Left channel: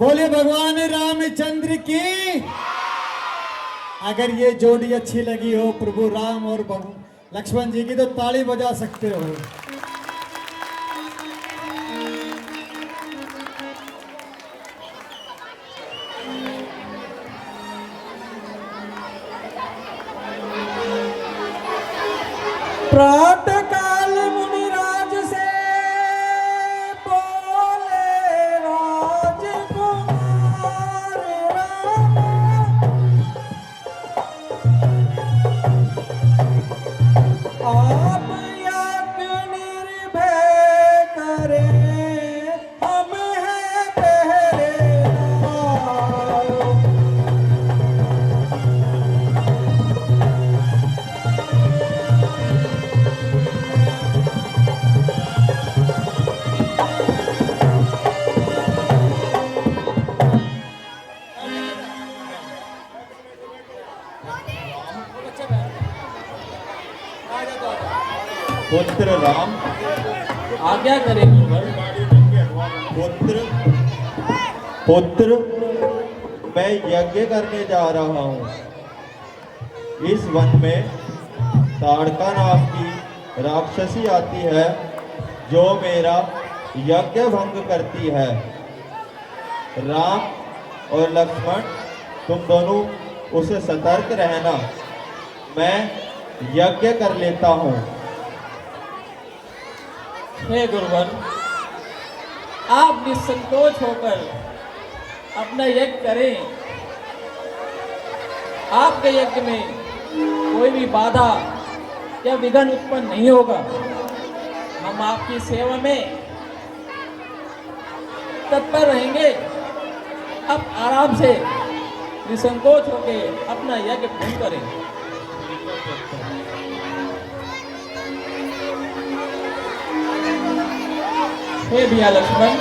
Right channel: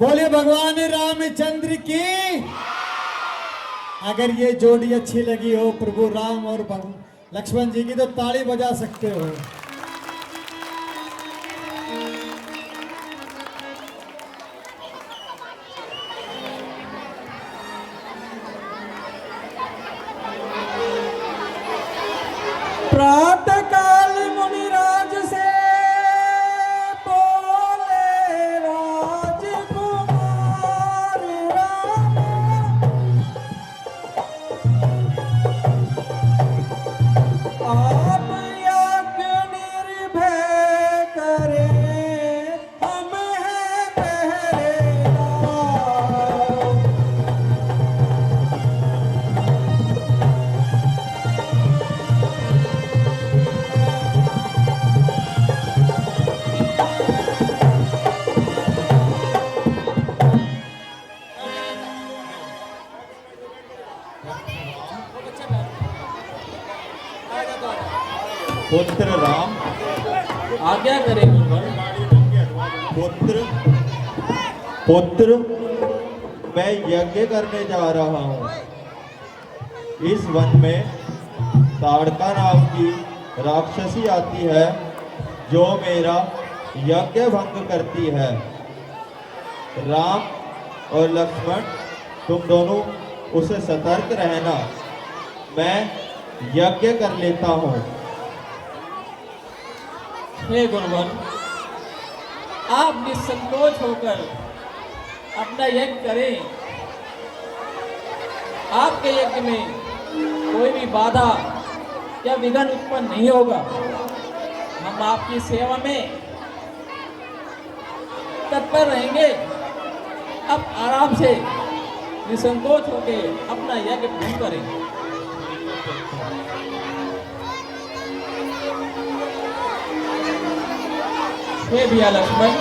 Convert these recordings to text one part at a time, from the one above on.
बोलिए भगवान रामचंद्र की। अगर ये जोड़ी अच्छी लगी हो प्रभु राम और लक्ष्मण जी की तो ताली बजा सकते हो। प्रातः काल मुनिराज से बोले राजकुमार राम, आप यज्ञ निर्भय करें, हम हैं पहरेदार। पुत्र राम, आज्ञा करें गुरुवर। पुत्र पुत्र मैं यज्ञ करने जा रहा हूँ। इस वन में ताड़का नाम की राक्षसी आती है जो मेरा यज्ञ भंग करती है। राम और लक्ष्मण तुम दोनों उसे सतर्क रहना, मैं यज्ञ कर लेता हूँ। हे गुरुवर, आप निसंकोच होकर अपना यज्ञ करें। आपके यज्ञ में कोई भी बाधा या विघ्न उत्पन्न नहीं होगा। हम आपकी सेवा में तत्पर रहेंगे। अब आराम से निसंकोच होकर अपना यज्ञ पूर्ण करें। हे भैया लक्ष्मण,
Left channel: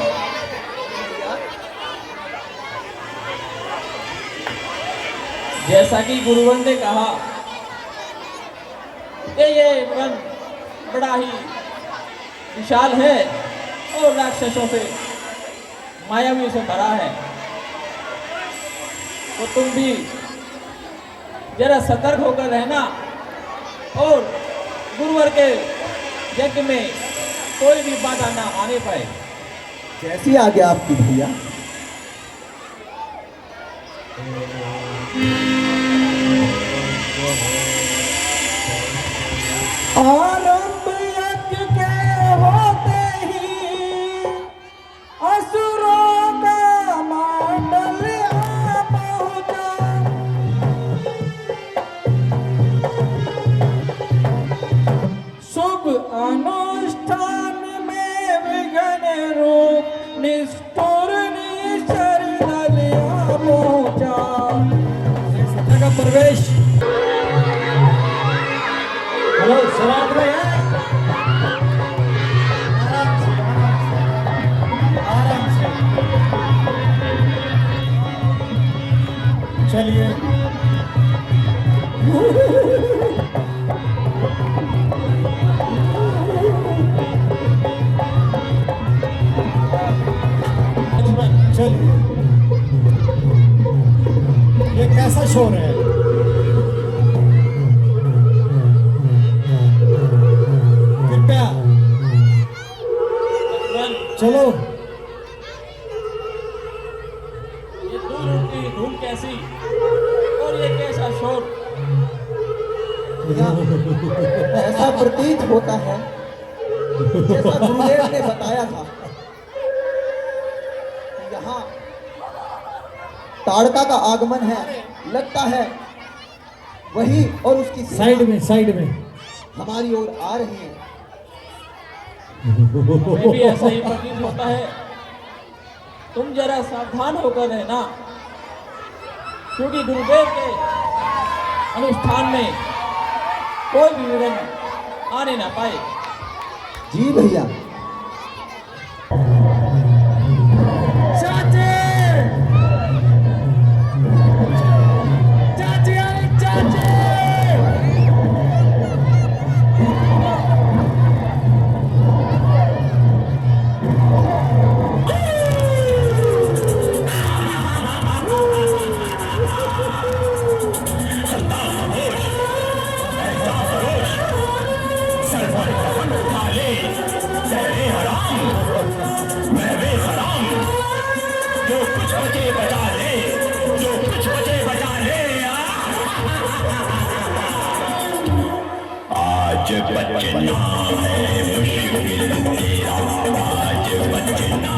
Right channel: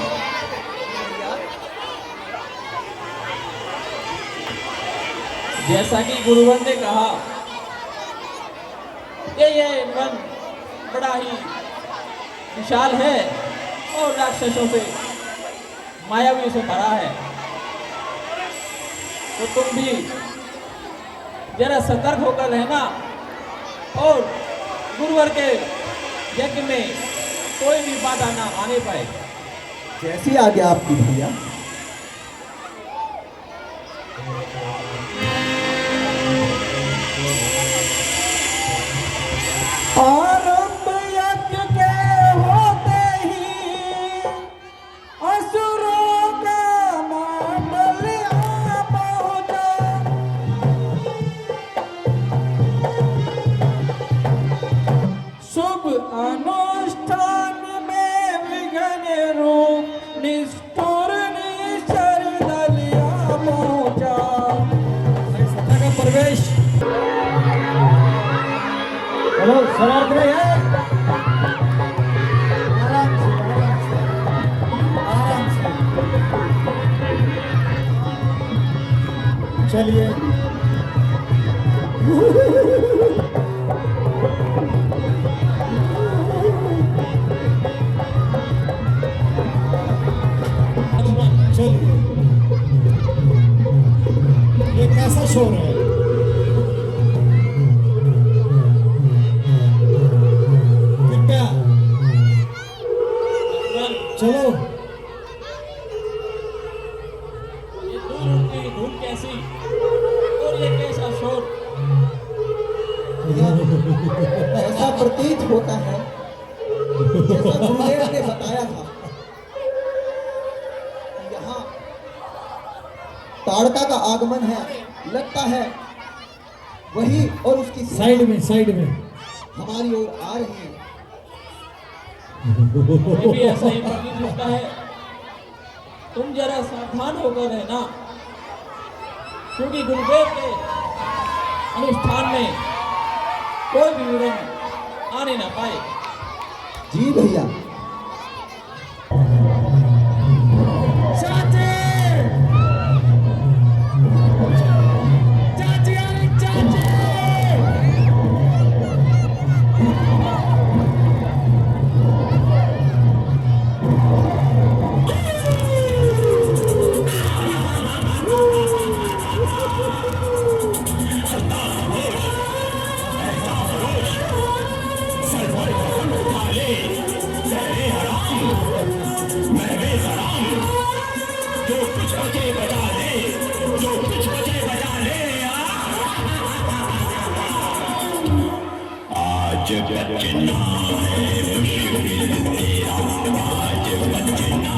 जैसा कि गुरुवर ने कहा कि ये वन बड़ा ही विशाल है और राक्षसों से मायावी से भरा है, तो तुम भी जरा सतर्क होकर रहना और गुरुवर के यज्ञ में कोई भी बाधा ना आने पाए। जैसी आज्ञा आपकी भैया। आरंभ यज्ञ के होते ही असुरों का मंडल आ पहुंचा। शुभ अनुष्ठान में विघ्न रूप निष्ठुर निश्चर दल आ पहुंचा। सत्र का प्रवेश समाज में है। आराम से, आराम से। चलिए चलिए, ये कैसा शोर है? चलो, ये दूर उठती धूल कैसी और ये कैसा शोर। ऐसा प्रतीत होता है जैसा गुरुदेव ने बताया था, यहाँ ताड़का का आगमन है, लगता है वही और उसकी साइड में हमारी ओर आ रही है। हमें भी ऐसा ही प्रतीत होता है। तुम जरा सावधान होकर रहना, क्योंकि गुरुदेव के अनुष्ठान में कोई भी विघ्न आने ना पाए। जी भैया। आज बचना है मुश्किल तेरा, आज बचना।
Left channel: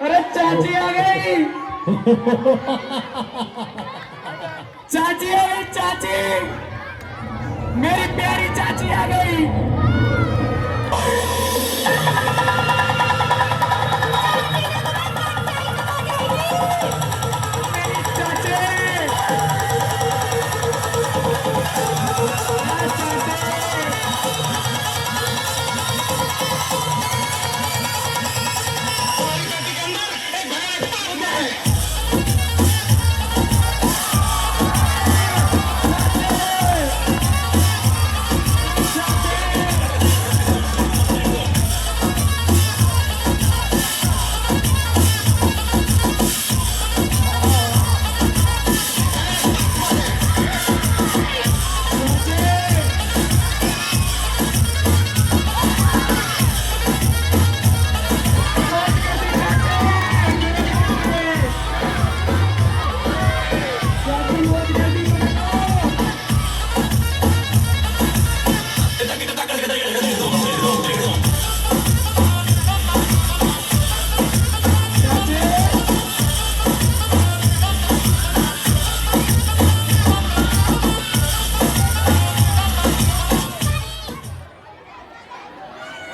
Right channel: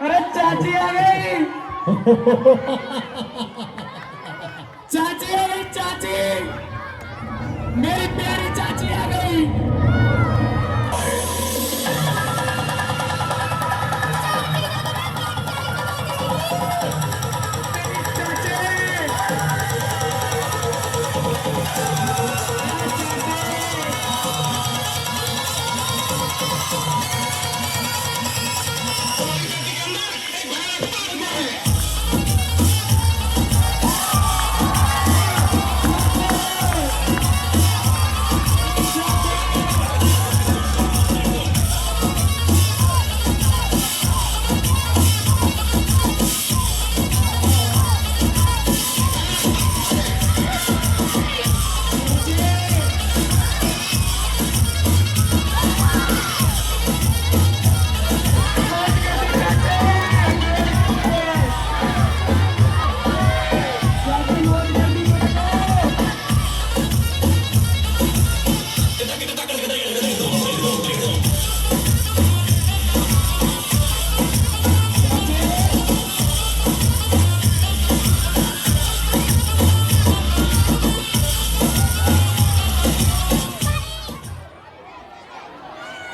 अरे चाची आ गई। चाची आ गई, चाची, मेरी प्यारी चाची आ गई। चाची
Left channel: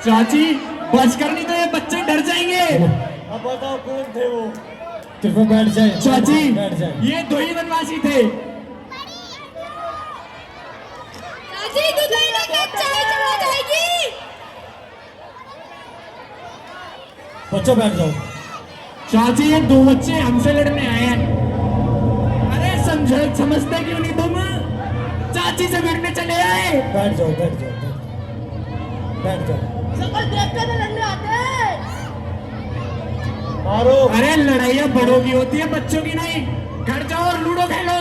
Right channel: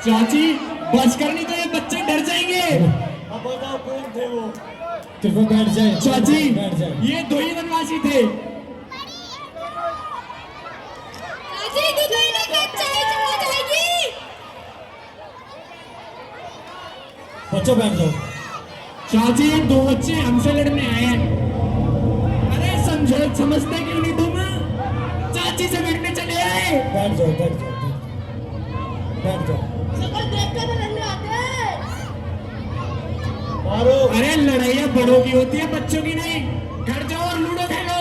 चाची बचकर नहीं तो ये बच्चे डर जाएंगे। अब बताओ कौन थे वो? कृपया बैठ जाए चाची बैठ जाए। ये दो ही बनवासी थे। चाची दूध लेने के चाय चला जाएगी। बच्चों बैठ जाओ। चाची ये दो बच्चे हमसे लड़ने आए हैं। अरे समझते क्यों नहीं तुम? चाची से भिड़ने चले आए। बैठ जाओ बैठ जाओ बैठ जाओ। शक्ल देखकर तो लड़ने आते हैं। मारो। अरे लड़ाइयाँ बड़ों की होती है, बच्चों की नहीं। घर जाओ और लूडो खेलो।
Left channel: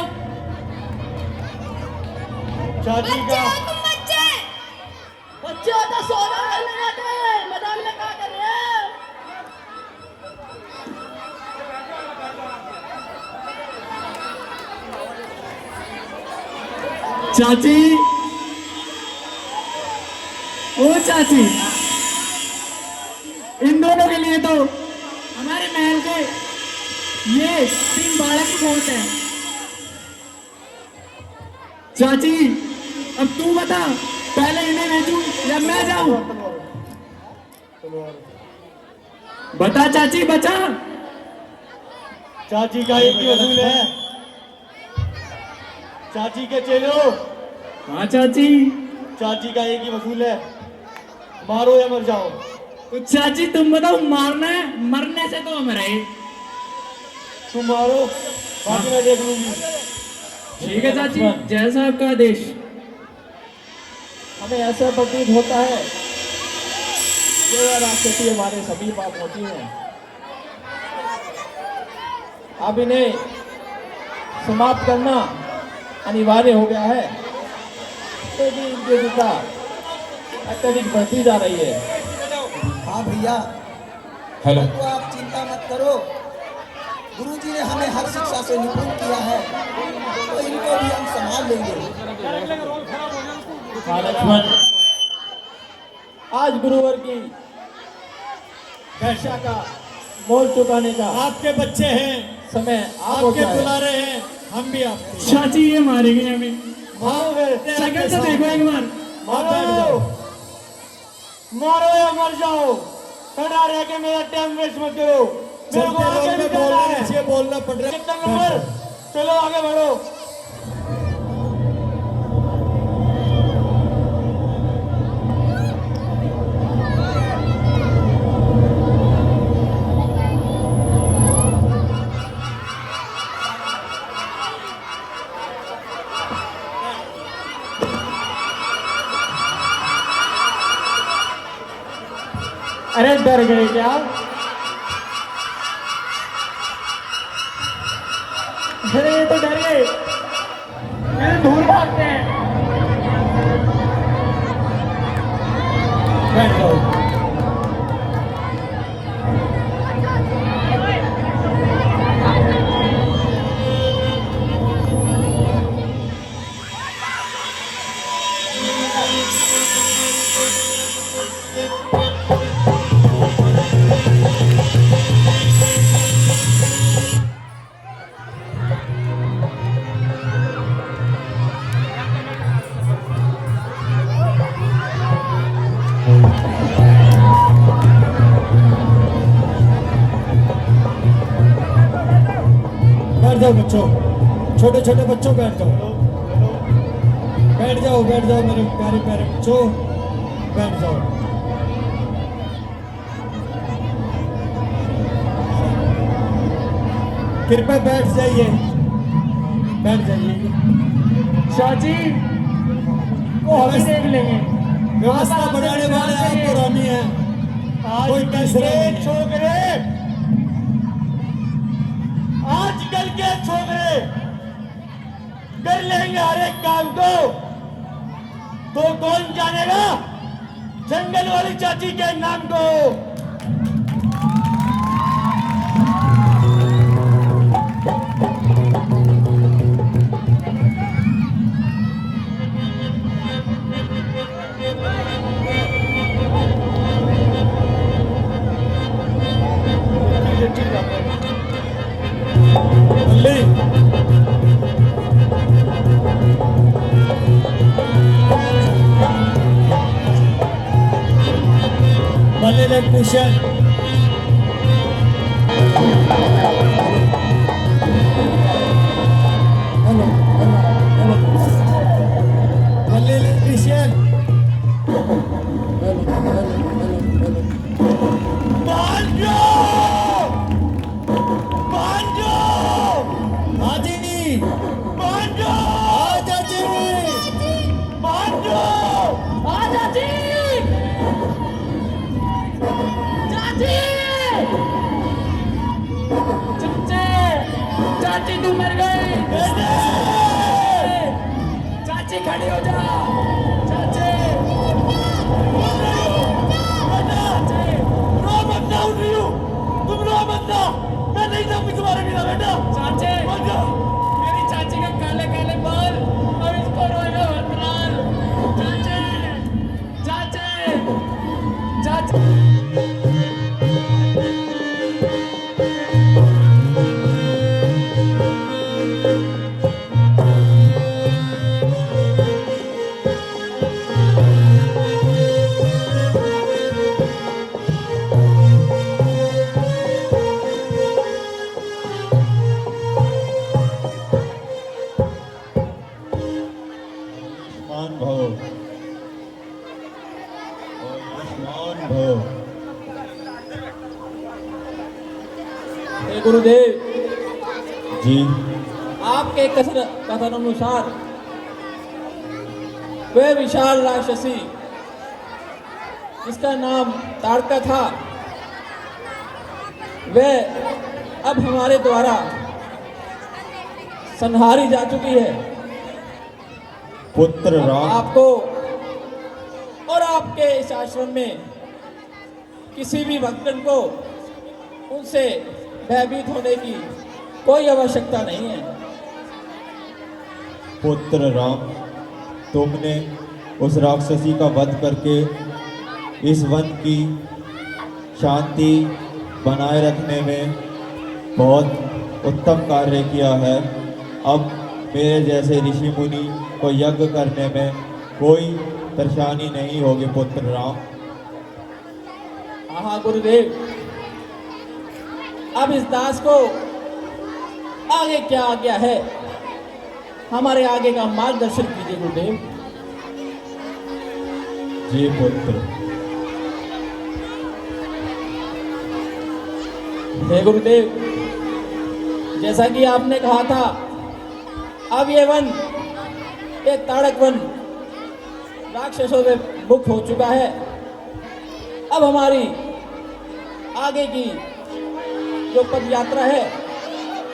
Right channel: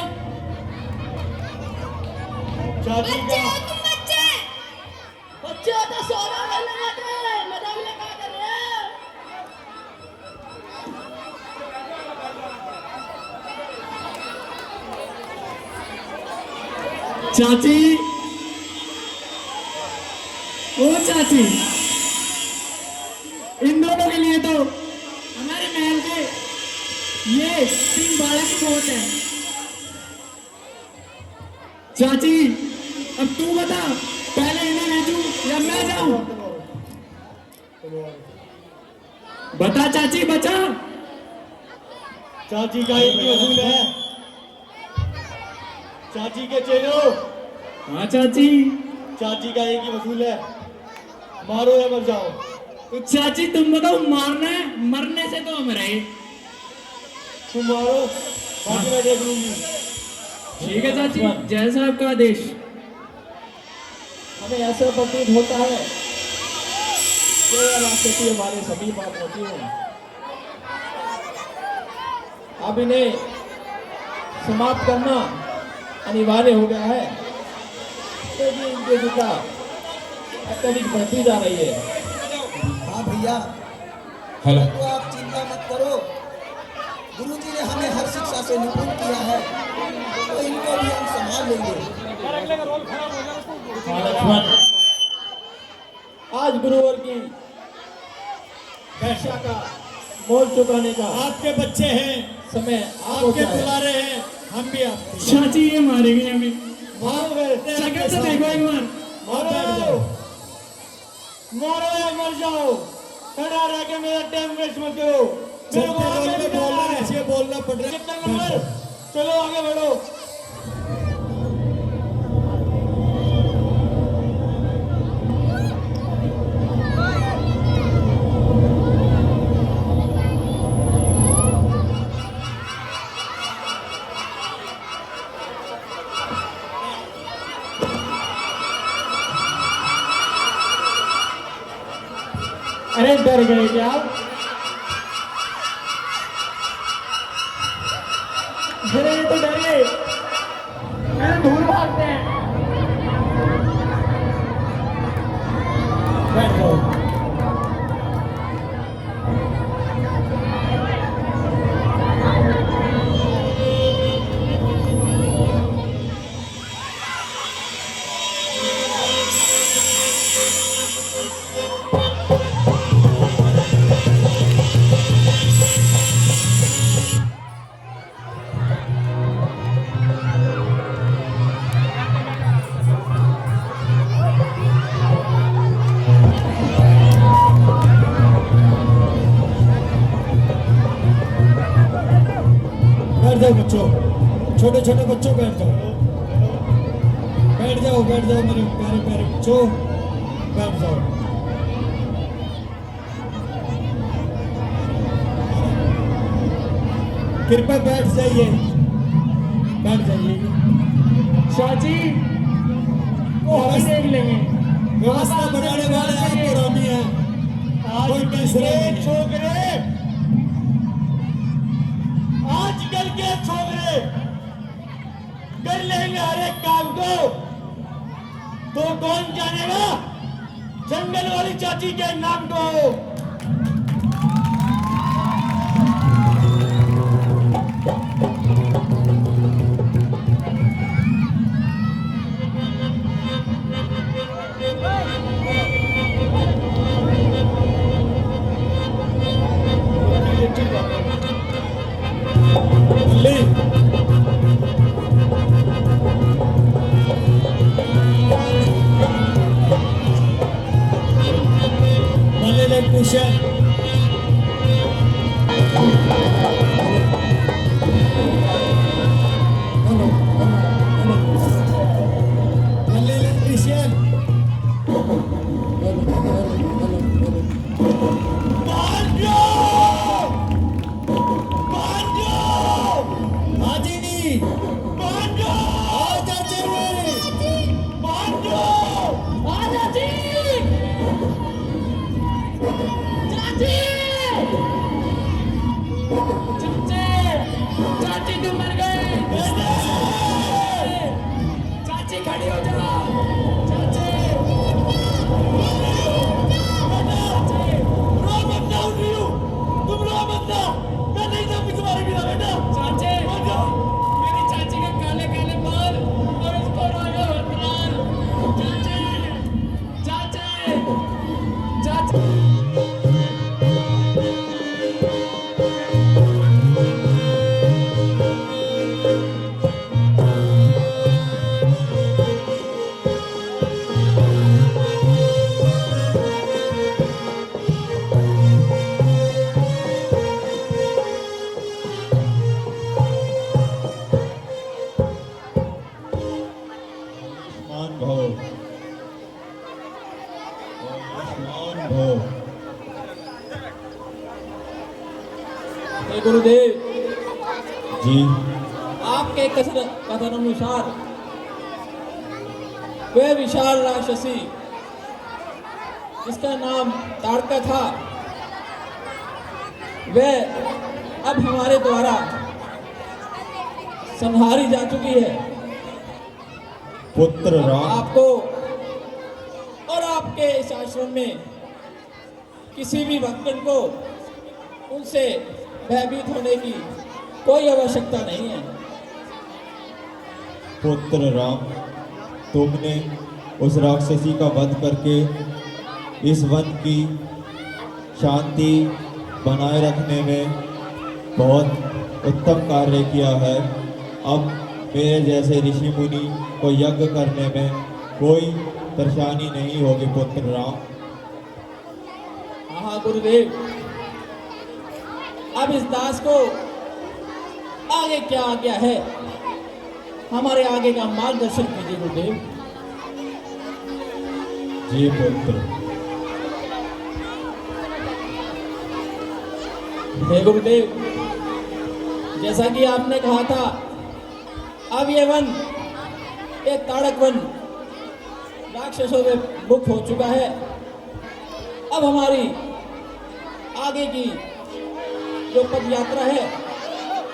चाची बच्चे का हो तुम बच्चे। बच्चे हो तो सोना खेलने जाते हैं। मैदान में क्या कर रहे हैं? चाची ओ चाची, इन दोनों के लिए तो हमारे महल के ये 3 बालक ही बहुत है। चाची अब तू बता, पहले इन्हें भेजूं या मैं जाऊं? बता चाची बता। चाची का एक ही असूल है। चाची के चेलो, हाँ चाची। चाची का एक ही वसूल है, मारो या मर जाओ। तो चाची तुम बताओ, मारना है? मरने से तो हम रहे। तुम मारो, बाकी मैं देख लूंगी। ठीक है चाची, जैसा आपका आदेश। हमें ऐसा प्रतीत होता है कि यह राक्षसी हमारे समीप आ पहुंची है। अब इन्हें समाप्त करना अनिवार्य हो गया है, तो भी इनकी दुखा अत्यधिक बढ़ती जा रही है। हाँ भैया, हेलो। तो आप चिंता मत करो। गुरुजी ने हमें हर शिक्षा से निपुण किया है, तो इनको भी हम संभाल लेंगे। हाँ लक्ष्मण, आज गुरुवर की शिक्षा का मोल चुकाने का आपके बच्चे हैं, समय आ आपके पहुंचा है। बुलारे हैं, हम भी आपके। चाची ये मारेंगे हमें। मारो फिर। शक्ल से देखो एक बार। मारो, मारो या मर जाओ। खड़ा रह के मेरा टाइम वेस्ट मत करो। मेरे को आगे भी जाना है। बोलना पड़ रहा है। कितना नंबर? चलो आगे बढ़ो। अरे डर गए क्या? अरे ये तो डर गए, ये दूर भागते हैं। बैठ जाओ। बैठ जाओ बच्चों, छोटे छोटे बच्चों बैठ जाओ। बैठ जाओ मेरे प्यारे प्यारे बच्चों, बैठ जाओ। कृपया बैठ जाइए, बैठ जाइए। चाची वो हम ही देख लेंगे। व्यवस्था बनाने वाले आप और हम ही हैं, कोई तीसरा नहीं है। छोकरे, आजकल के छोकरे कर लेंगे हर एक काम को, तो कौन जानेगा जंगल वाली चाची के नाम को। ले ले इलेक्ट्रिशियन मल्ले इलेक्ट्रिशियन हाजी चाची चाची चाची चाची तू मर गई चाची खड़ी हो जा चाची रो मत ना उठ रही हूँ तुम रो मत ना मैं नहीं जाऊंगी तुम्हारे बिना बेटा चाची मेरी चाची के काले काले बाल और इसको रोएगा हथराल चाची चाची चाची आयुष्मान भव आयुष्मान भव। हे गुरुदेव, जी आपके कथन अनुसार वह विशाल राक्षसी जिसका नाम ताड़का था, वह अब हमारे द्वारा संहारी जा चुकी है। पुत्र राम आपको और आपके इस आश्रम में किसी भी भक्तन को उनसे भयभीत होने की कोई आवश्यकता नहीं है। पुत्र राम, तुमने उस राक्षसी का वध करके इस वन की शांति बनाए रखने में बहुत उत्तम कार्य किया है। अब मेरे जैसे ऋषि मुनि को यज्ञ करने में कोई परेशानी नहीं होगी पुत्र राम। हाँ गुरुदेव, अब इस दास को आगे क्या आज्ञा है, हमारे आगे का मार्गदर्शन कीजिए गुरुदेव। जी पुत्र। हे गुरुदेव, जैसा कि आपने कहा था, अब ये वन एक ताड़क वन राक्षसों से मुक्त हो चुका है। अब हमारी आगे की जो पद यात्रा है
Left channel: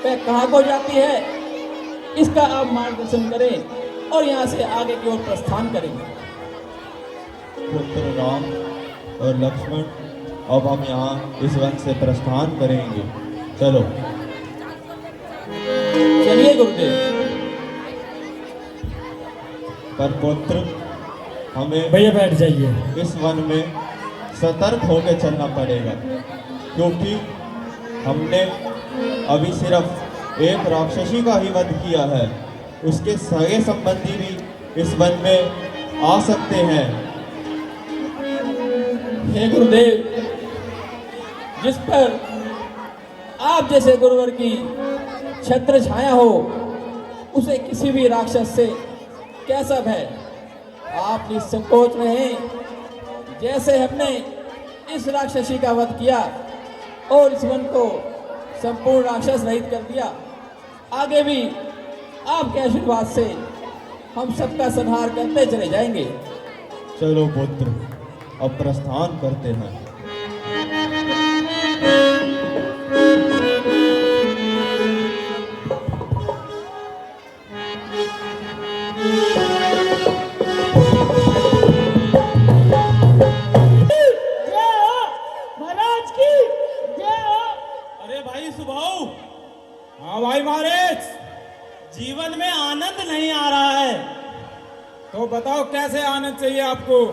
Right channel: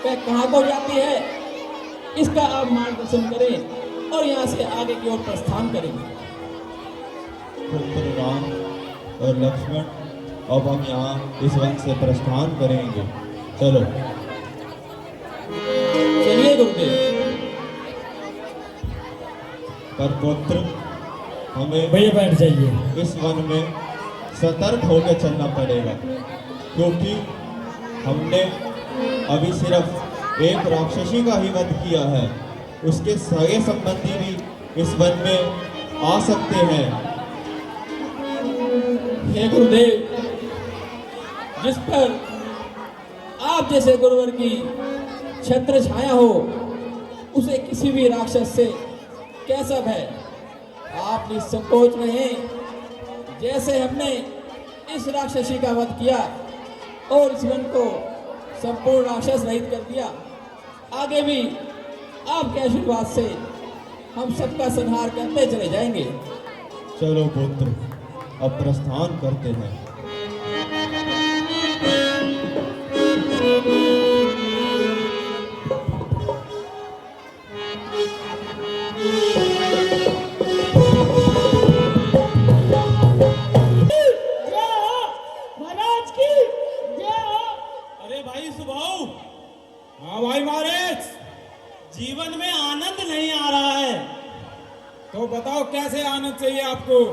वह कहाँ को जाती है, इसका आप मार्गदर्शन करें और यहाँ से आगे की ओर प्रस्थान करेंगे। पुत्र राम और लक्ष्मण, अब हम यहाँ इस वन से प्रस्थान करेंगे। चलो। चलिए गुरुदेव। पर पुत्र, हमें भैया बैठ जाइए। इस वन में सतर्क होकर चलना पड़ेगा, क्योंकि हमने अभी सिर्फ एक राक्षसी का ही वध किया है। उसके सगे संबंधी भी इस वन में आ सकते हैं। हे गुरुदेव, जिस पर आप जैसे गुरुवर की छत्र छाया हो, उसे किसी भी राक्षस से कैसा भय। आप निसंकोच रहें। जैसे हमने इस राक्षसी का वध किया और इस वन को संपूर्ण राक्षस रहित कर दिया, आगे भी आपके आशीर्वाद से हम सबका संहार करते चले जाएंगे। चलो पुत्र, अब प्रस्थान करते हैं। महाराज की जय हो। अरे भाई सुभाऊ। हाँ भाई महाराज, जीवन में आनंद नहीं आ रहा है। तो बताओ कैसे आनंद चाहिए आपको?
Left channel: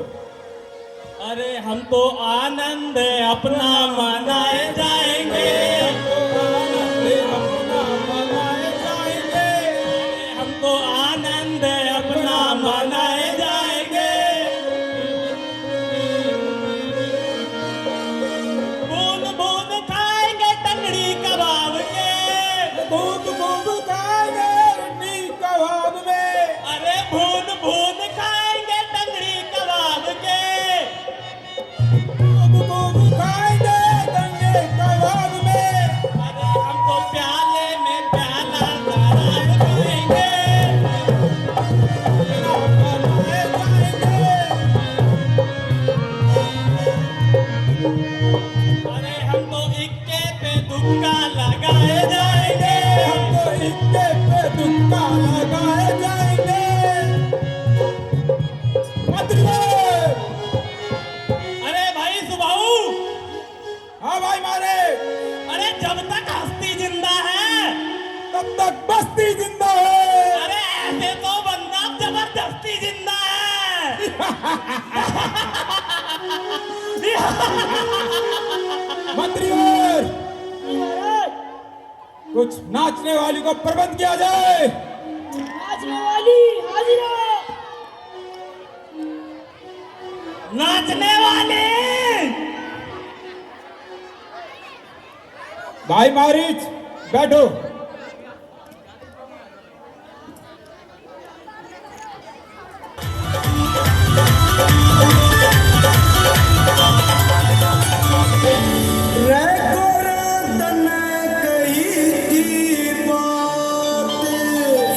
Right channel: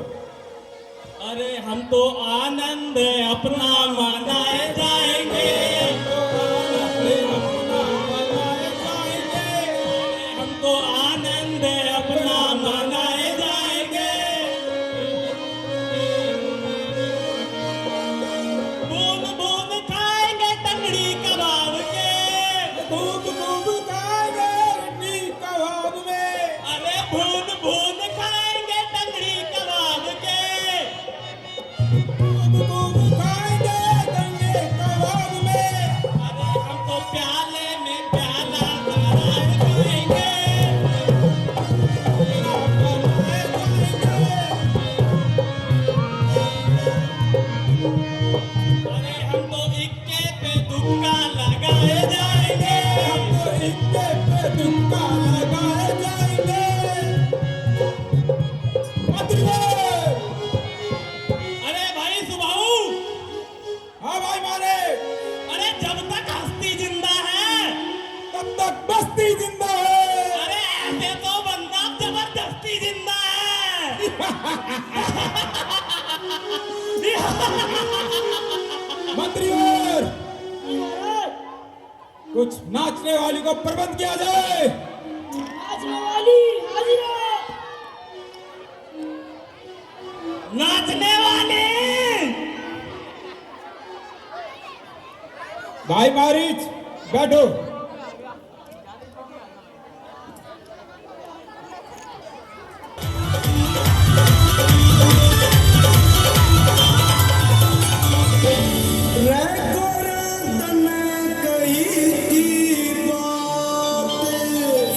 अरे हम तो आनंद अपना मनाए जाएंगे, अपना मनाए जाएंगे। हम तो आनंद अपना मनाए जाएंगे। तुमको खाएंगे गंगे कबाब में। अरे हम तो प्याले में प्याला नारायण पिएंगे। अरे हम तो इक्के पे तुक्का लगाए जाएंगे। हम तो इक्के पे तुक्का लगाए जाएंगे। मंत्रीवर! अरे भाई सुबाऊ, हाँ भाई मारे, अरे जब तक हस्ती जिंदा है तब तक बस्ती जिंदा है। अरे ऐसे तो बंदा जबरदस्ती जिंदा है। मंत्रीवर, कुछ नाचने वाली को प्रबंध किया जाए। नाचने वाली हाजिर हो। नाचने वाले भाई मारीच बैठो।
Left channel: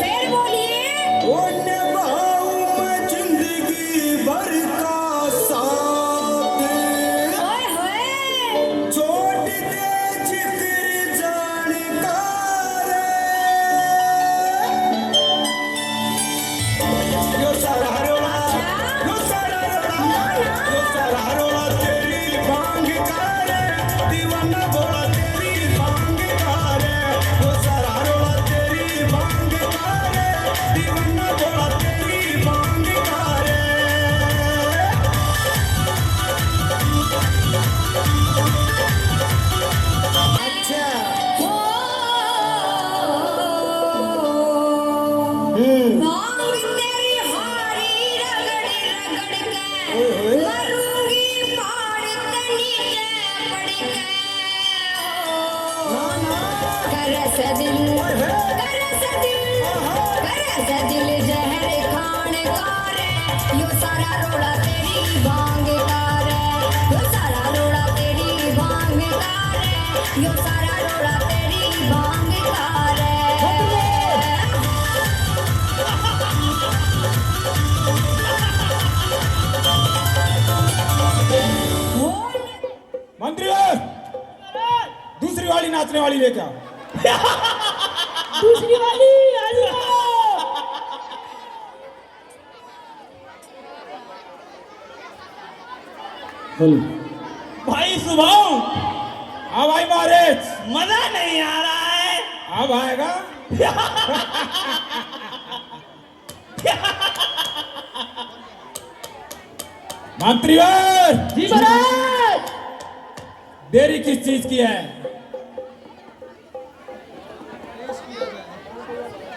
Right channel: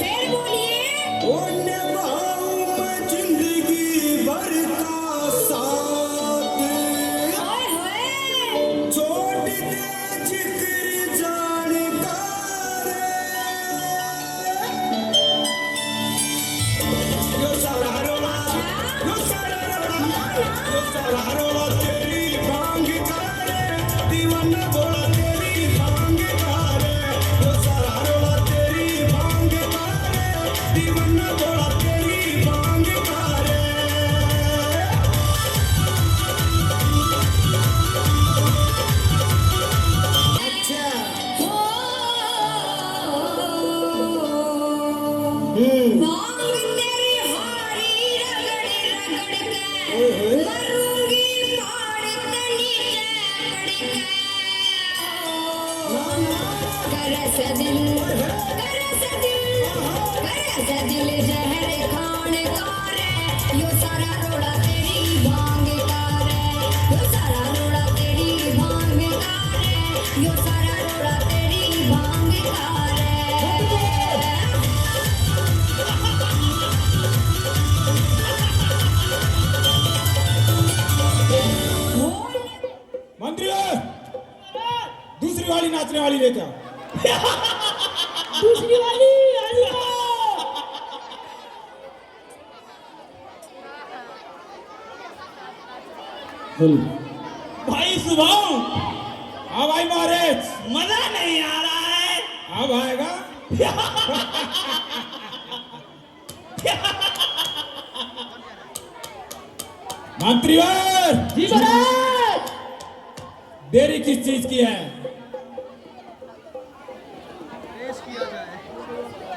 फिर बोलिए। ओए होए। भांग तेरी हारी रगड़ रगड़ के मरूंगी पहाड़ के नीचे पड़ के। करस दिल जहर खान का रे। यो सारा रोड़ा तेरी भांग का रे। यो सारा रोड़ा तेरी भांग का रे। यो सारा रोड़ा तेरी भांग का रे। मंत्रीवर, दूसरी वाली नाचने वाली लेकर आओ। दूसरी वाली हाजिर हो। भाई सुबाऊ, हाँ भाई महाराज, मजा नहीं आ रहा है। अब आएगा। मंत्रीवर, जी महाराज। देरी किस चीज की है?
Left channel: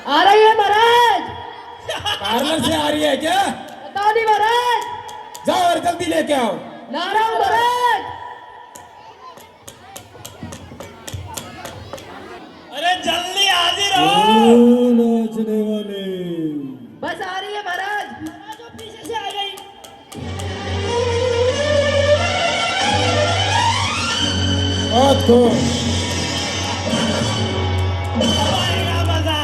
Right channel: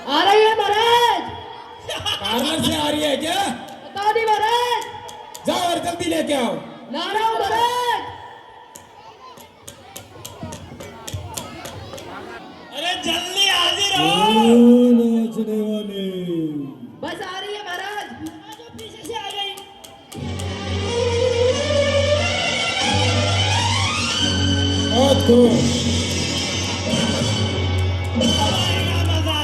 आ रही है महाराज। पार्लर से आ रही है क्या? बता दी महाराज। जाओ और जल्दी लेके आओ। नारायण महाराज। अरे जल्दी हाजिर हो। नाचने वाले बस आ रही है महाराज। जो पीछे से आ गई। बहुत खूब। अब आएगा मजा।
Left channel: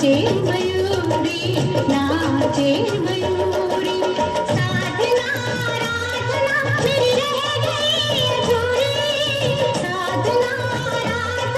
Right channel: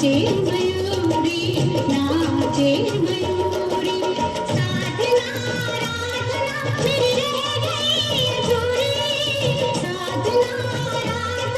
नाचे मयूरी नाचे मयूरी साधना राधना मेरी रह गई अधूरी साधना राधना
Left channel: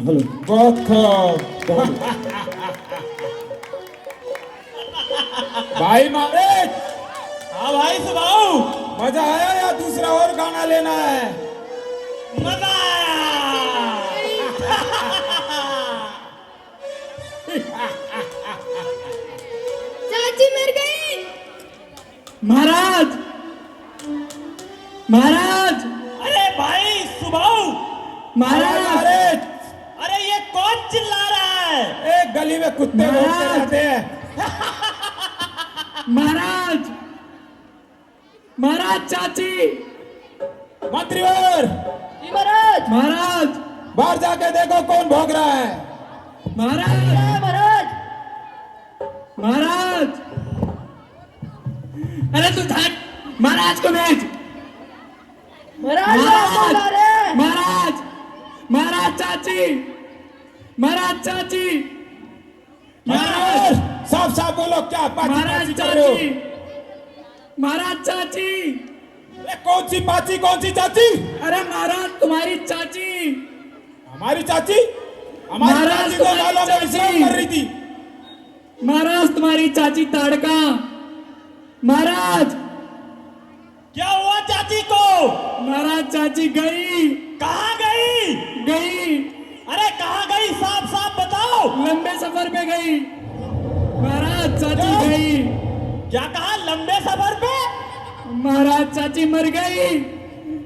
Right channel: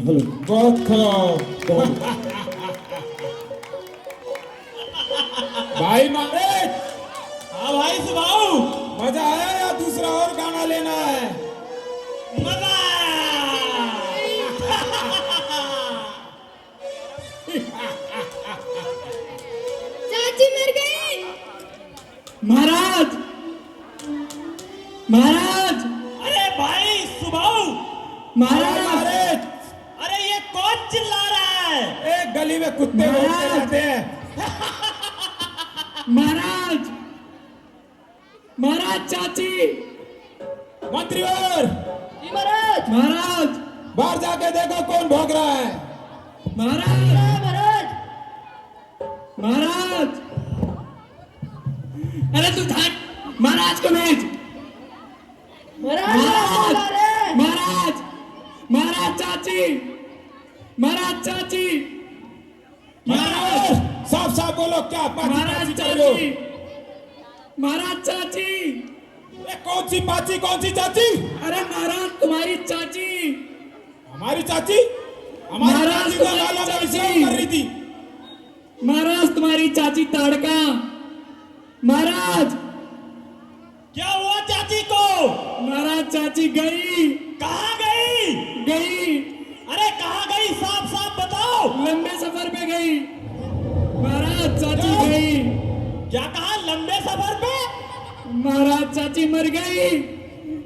बहुत खूब। भाई मारे, हाँ भाई सुनाओ। मजा आया या दूसरा और गाना लेना है? मजा चाची मर गई। महाराज, महाराज, अरे भाई सुनाओ। महाराज, अरे ये कौन चिल्ला रहा है? एक गली में कुत्ते भौंकते रहते हैं। महाराज, महाराज, चाची, मंत्रीवर, महाराज, महाराज, बाहर जाके देखो कौन भौंक रहा है। महाराज, महाराज, महाराज, अरे तू हट, महाराज को भेज। महाराज, महाराज, महाराज, महाराज, चाची, महाराज, चाची, महाराज, साफ साफ बोलो, क्या पाची महाराज, पाची कर रहे हो? चाची, महाराज, चाची, ये कौन सी पाची, कौन सी चाची? अरे महाराज तुम्हारी चाची, हमारी चाची? हमारी महाराज, चाची को तुम्हारी मालूम है चाची। विश्राम कर रही थी। महाराज तुम्हारी चाची ताड़का, महाराज, क्या हुआ चाची को? महाराज चाची गई, कहाँ गई? गई, अरे कहाँ गई? साफ साफ बताओ। लंबे सफर पे गई, महाराज चाची गई, क्या कहा? लंबे सफर पे? महाराज चाची मर गई,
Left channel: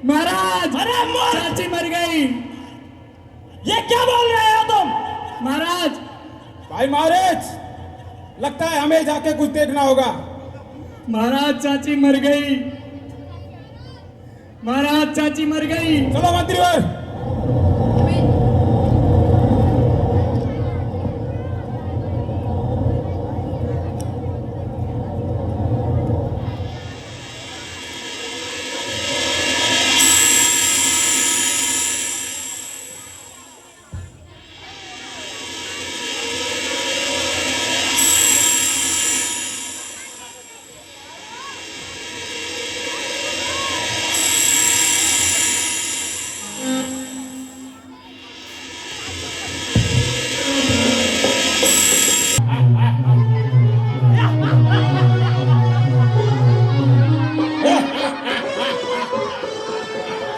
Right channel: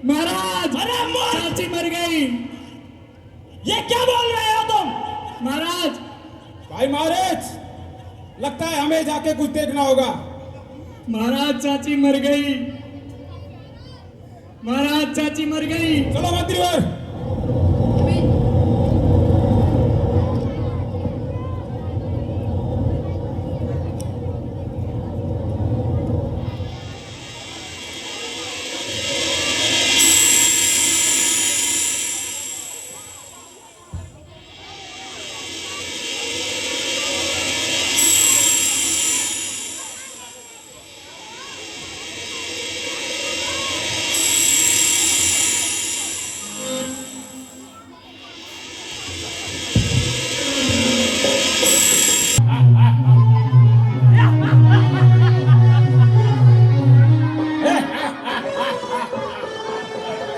महाराज, अरे मर! चाची मर गई, ये क्या बोल रहे हो तुम? महाराज, भाई महाराज, लगता है हमें जाके कुछ देखना होगा। महाराज चाची मर गई, महाराज चाची मर गई। चलो मंत्रीवर।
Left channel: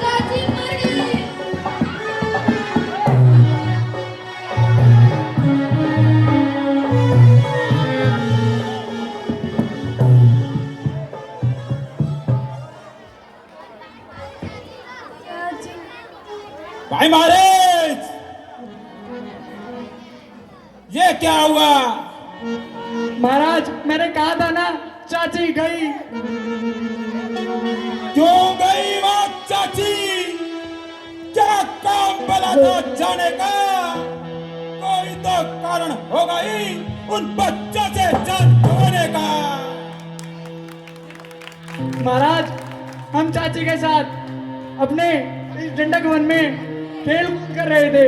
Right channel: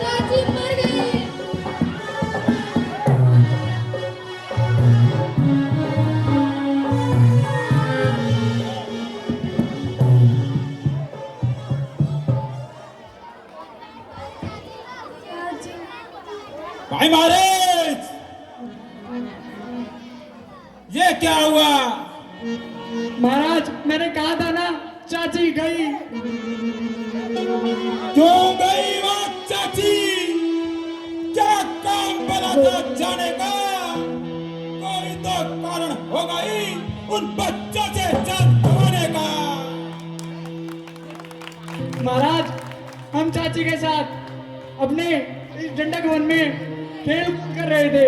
चाची मर गई। भाई महाराज, ये क्या हुआ? महाराज मैंने कहा था ना, चाची गई। क्यों गई वहाँ चाची? क्या काम पड़ा था जाने का? कोई तो कारण होगा ही उन बच्चों से जान खोने का। महाराज हम चाची के साथ अपने इस डंडक वन में खेल कर रहे थे,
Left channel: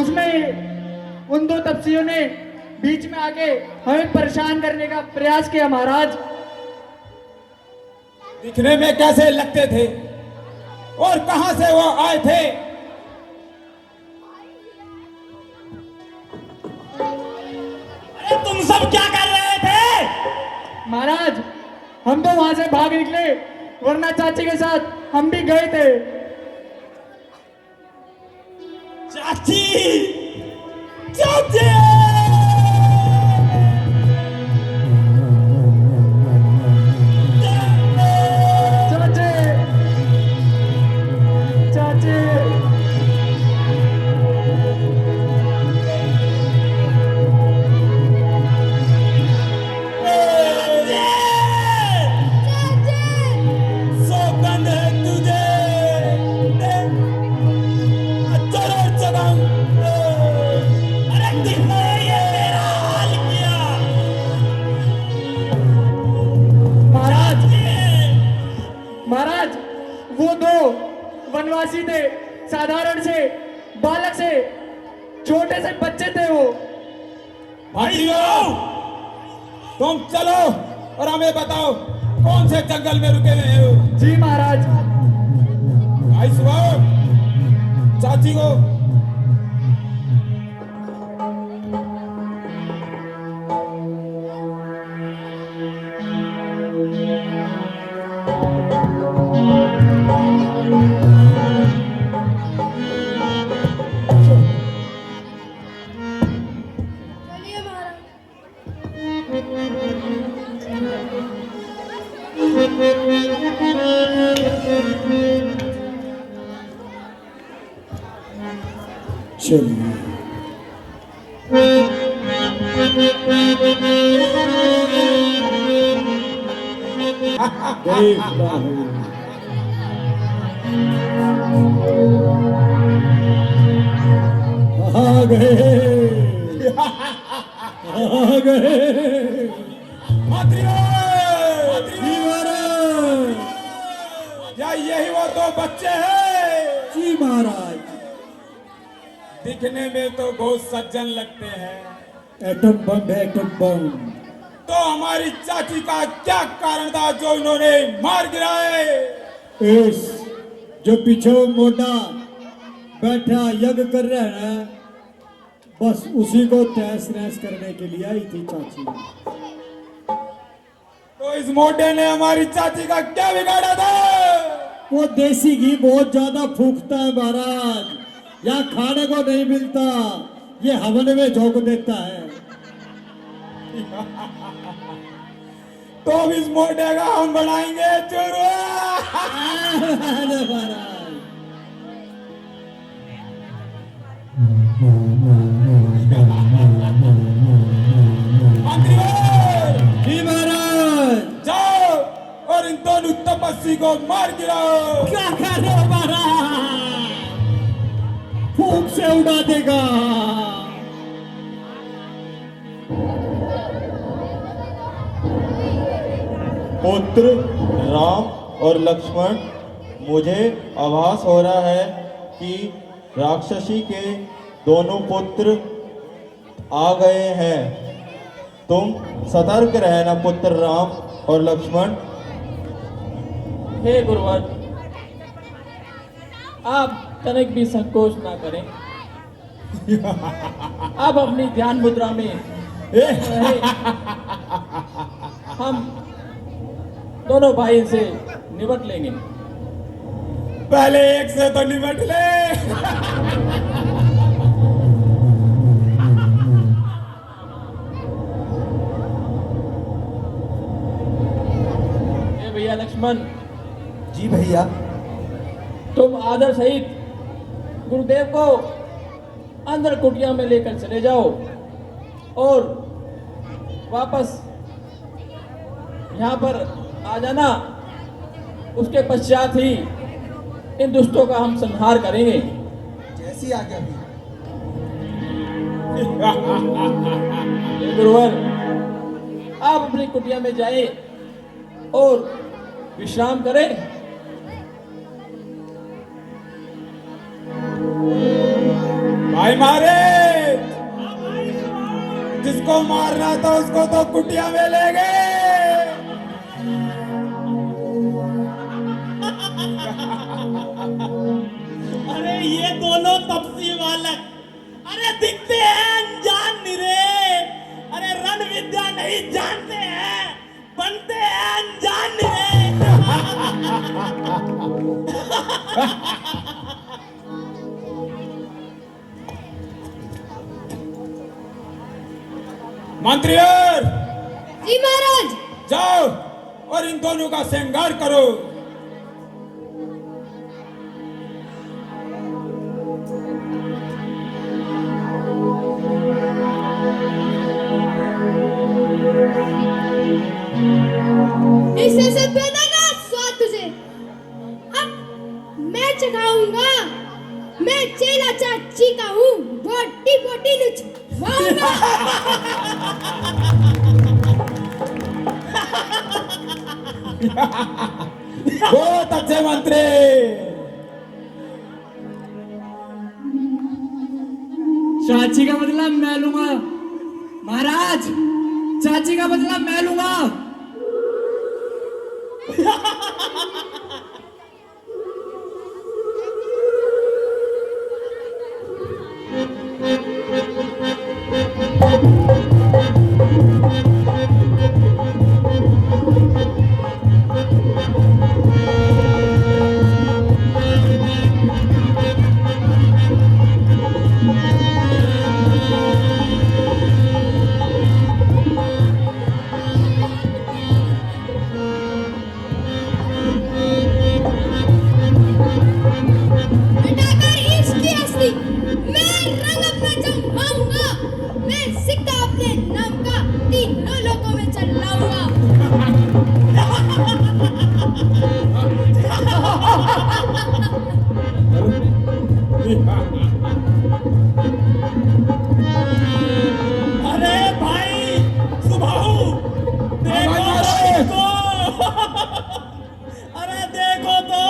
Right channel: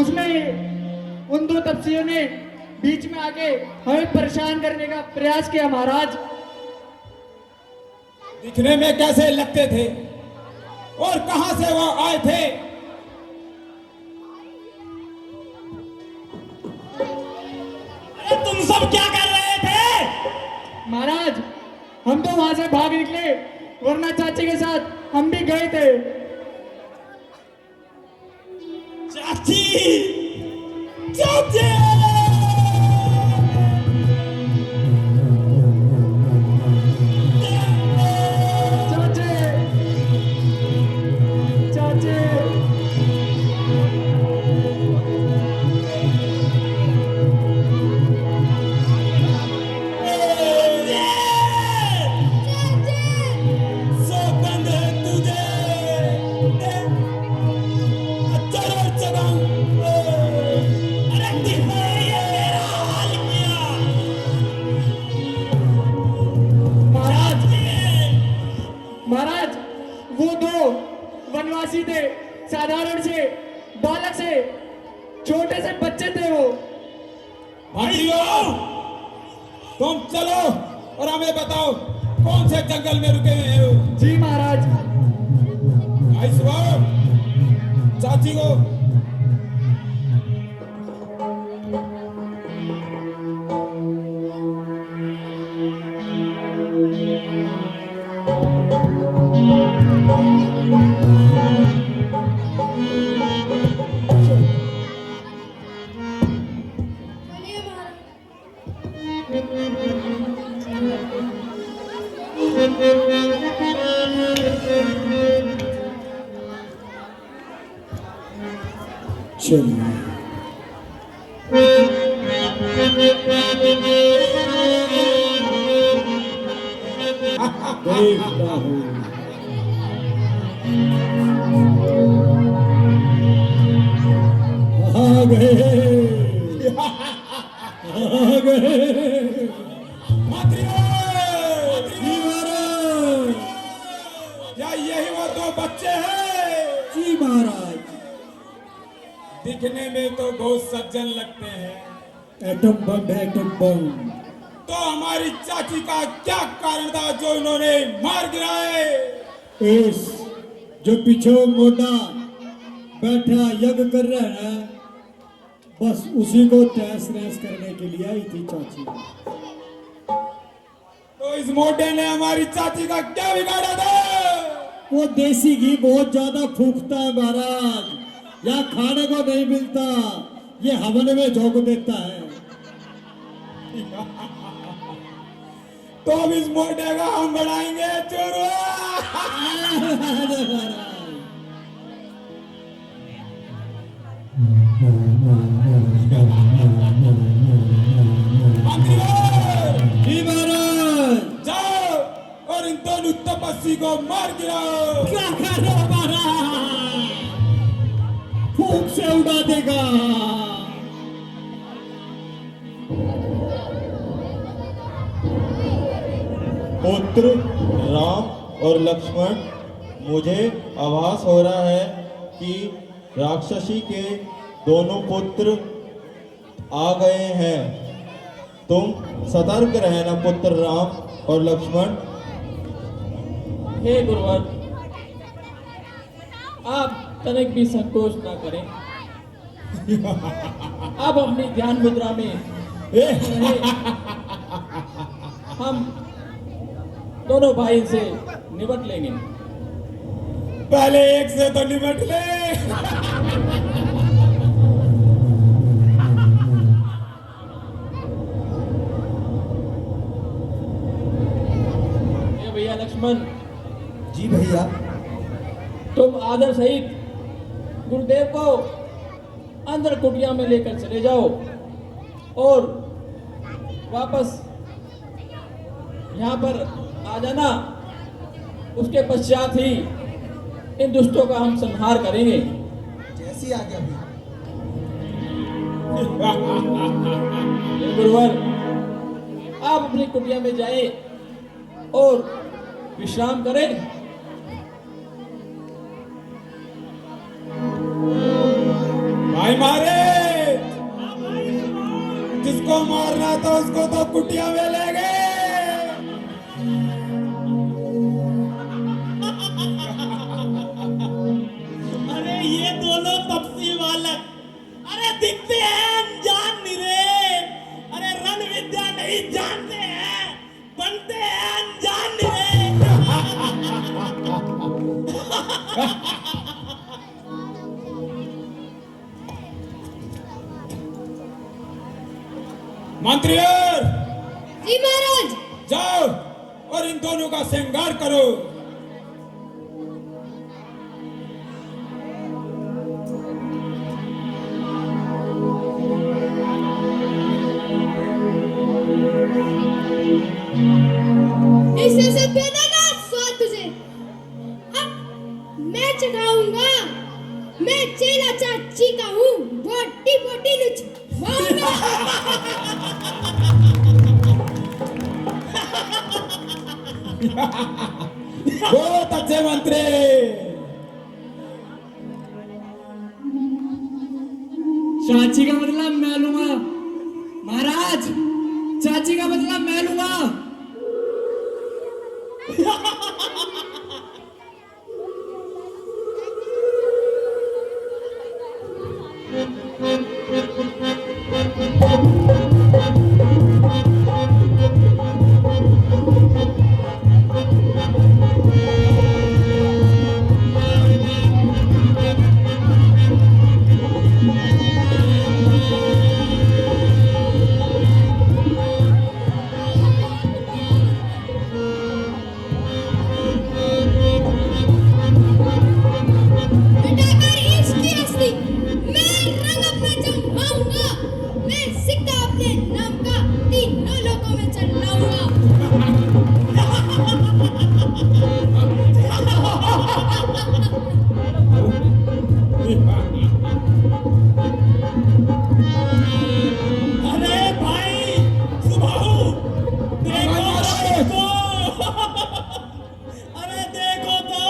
उसमें उन दो तपस्वियों ने बीच में आके हमें परेशान करने का प्रयास किया। महाराज दिखने में कैसे लगते थे और कहां से वो आए थे? अरे तुम सब क्या कर रहे थे? महाराज हम तो वहां से भाग निकले, वरना चाची के साथ हम भी गए थे। चाची, चाची! चाची, चाची, सौगंध है तुझे, जरूर जगम। अरे किसने ये मेरा हाल किया? महाराज, चाची! महाराज वो दो वनवासी थे, साधारण से बालक से, छोटे से बच्चे थे वो। भाइयों, तुम चलो और हमें बताओ कौन से जंगल में रुके हुए हो? जी महाराज। भाई सुभाओ, चाची को चलिए महाराज। चलिए देखता हूँ आ गए आ गए जी महाराज क्या यही वो दो बच्चे हैं? जी महाराज दिखने में तो बहुत सज्जन लगते हैं, एटम बम है एटम बम तो हमारी चाची का क्या कारण था जो उन्होंने मार गिराए? इस जो पीछे मोटा बैठा यज्ञ कर रहा है बस उसी को तहस नहस करने के लिए आई थी चाची। तो इस मोटे ने हमारी चाची का क्या बिगाड़ा था? वो देसी घी बहुत ज्यादा फूकता है महाराज, यहाँ खाने को नहीं मिलता, ये हवन में झोंक देता है। तो अब इस मोटे का हम बनाएंगे चोरू। अरे महाराज मंत्रियों, जी महाराज जाओ और इन दोनों तपस्वी को मार गिराओ। क्या कर रहे हो महाराज? फूक से उड़ा देगा। पुत्र राम और लक्ष्मण, मुझे आभास हो रहा है कि राक्षसी के दोनों पुत्र आ गए हैं। तुम सतर्क रहना पुत्र राम और लक्ष्मण। हे गुरुवर, आप तनिक भी संकोच ना करें। आप अपनी ध्यान मुद्रा में रहे। हम दोनों भाई से निपट लेंगे। पहले एक से तो निपट ले। ये भैया लक्ष्मण, जी भैया। तुम आदर सहित गुरुदेव को अंदर कुटिया में लेकर चले जाओ और वापस यहाँ पर आ जाना। उसके पश्चात ही इन दुष्टों का हम संहार करेंगे। जैसी आज्ञा भैया। हे गुरुवर, आप अपनी कुटिया में जाएं और विश्राम करें। भाई मारे, जिसको मारना था उसको तो कुटिया में ले गए। अरे ये दोनों तपसी बालक, अरे दिखते हैं अनजान निरे, अरे रण विद्या नहीं जानते हैं, बनते हैं अनजान निरे। मंत्रियों, जी महाराज। जाओ और इन दोनों का श्रृंगार करो। इससे सब देगा स्वाद तुझे। अब मैं चढ़ाऊंगा। मैं चेला चाची का हूँ, बोटी बोटी लुचवाऊंगा। बहुत अच्छे मंत्री। चाची का बदला मैं लूंगा महाराज, चाची का बदला मैं लूंगा। चिल्लाऊंगा। अरे भाई सुभाऊ देखो तो अरे देखो तो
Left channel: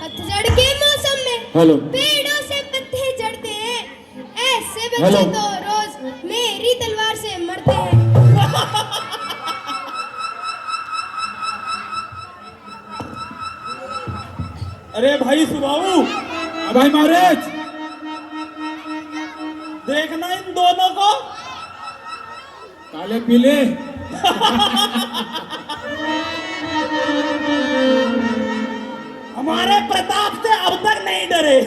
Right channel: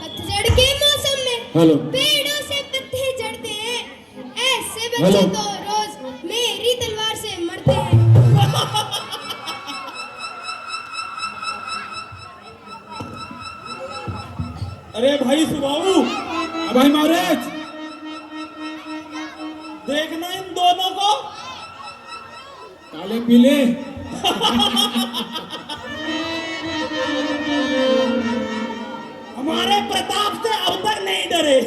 पतझड़ के मौसम में हेलो पेड़ों से पत्ते झड़ते हैं, ऐसे बच्चे हेलो। तो रोज मेरी तलवार से मरते हैं। अरे भाई सुभाऊ भाई महाराज देखना इन दोनों को काले पीले हमारे प्रताप से अब तक नहीं डरे।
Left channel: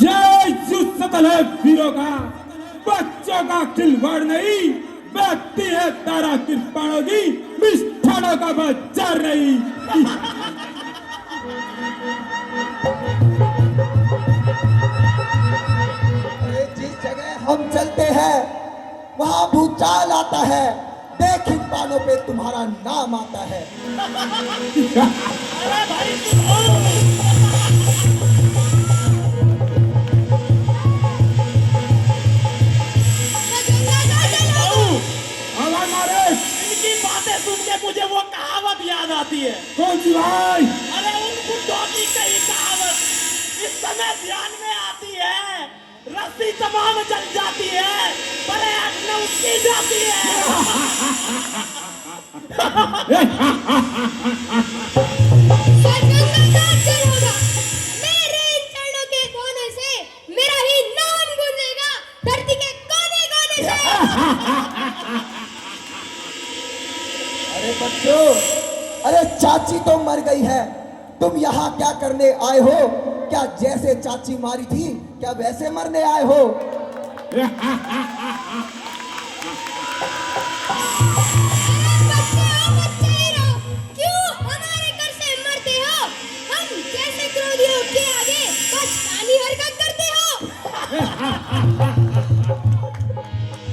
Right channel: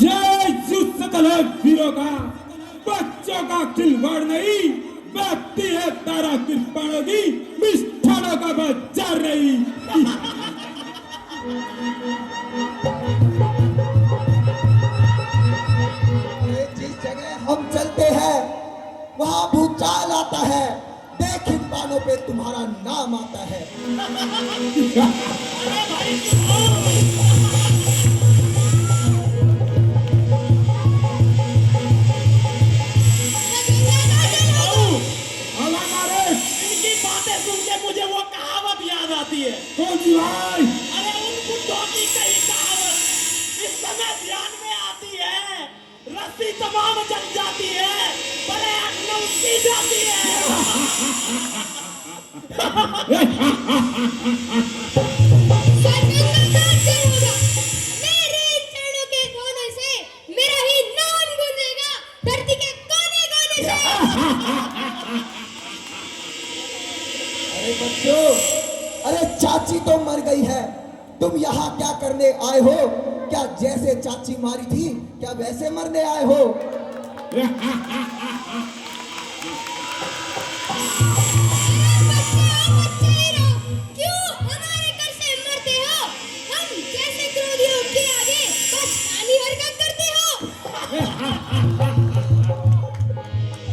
जय सकल है वीरों का, बच्चों का खिलवाड़ नहीं, व्यक्ति है तारा कृपाणों की, मिष्ठानों का बाजार नहीं। अरे जिस जगह हम चलते हैं वहां भूचाल आता है, देख इन बालों पे तुम्हारा नाम आता है। हमारे महाराज इनकी बातें सुन के मुझे वो कहावत याद आती है। कौन सी भाई? अरे उन बुड्ढों की कही कहावत इस समय ध्यान में आती है। रस्सी तमाम जल जाती है पर आग न उसकी जाती है। मेरे इन चरणों के कोने से मेरा ही नाम गूंजेगा, धरती के कोने कोने से। अरे बच्चों, अरे चाची तो मर गई है, तुम यहाँ क्या करने आए हो? क्या जैसे चाची मारी थी क्या वैसे मरने आए हो? क्यों हमारे घर से मरते हो? हम जैसे क्रोधियों के आगे बचकानी हरकत करते हो।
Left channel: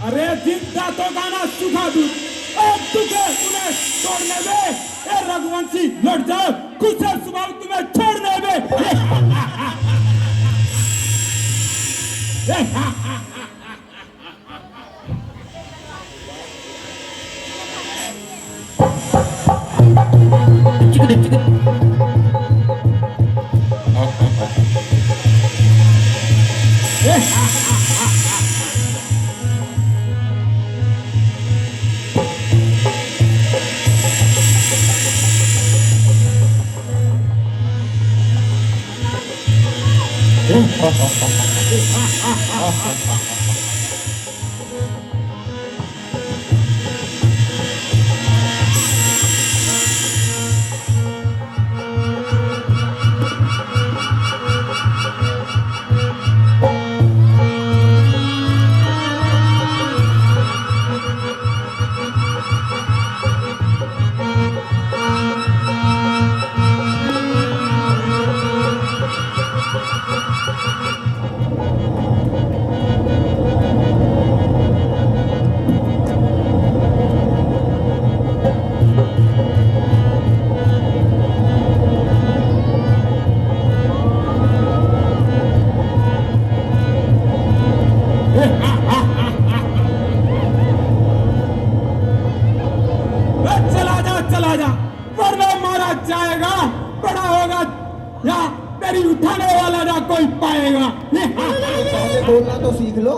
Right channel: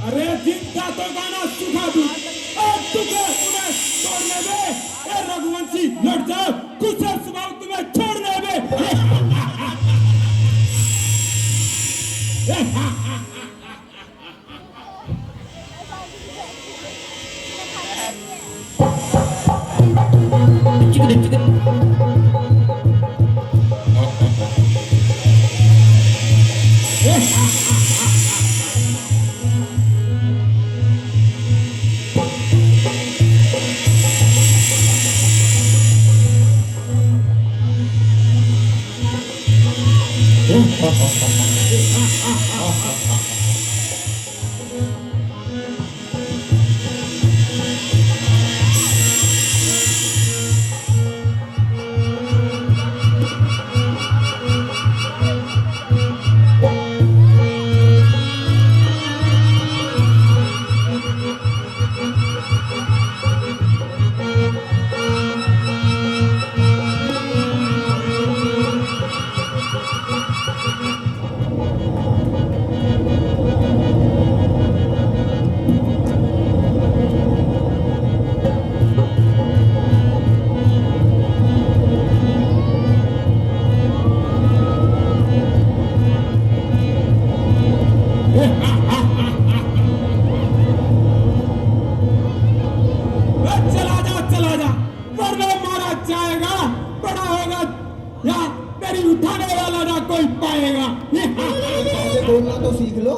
अरे जिन दांतों का ना सुखा दूं, एक तुझे उन्हें छोड़ने दे। ए रघुवंशी लड़ जाओ, कुशल स्वभाव तुम्हें छोड़ने दे। चला जा, वरना मारा जाएगा। बड़ा होगा या तेरी उठाने वाला ना कोई पाएगा। पहले बोलना तो सीख लो।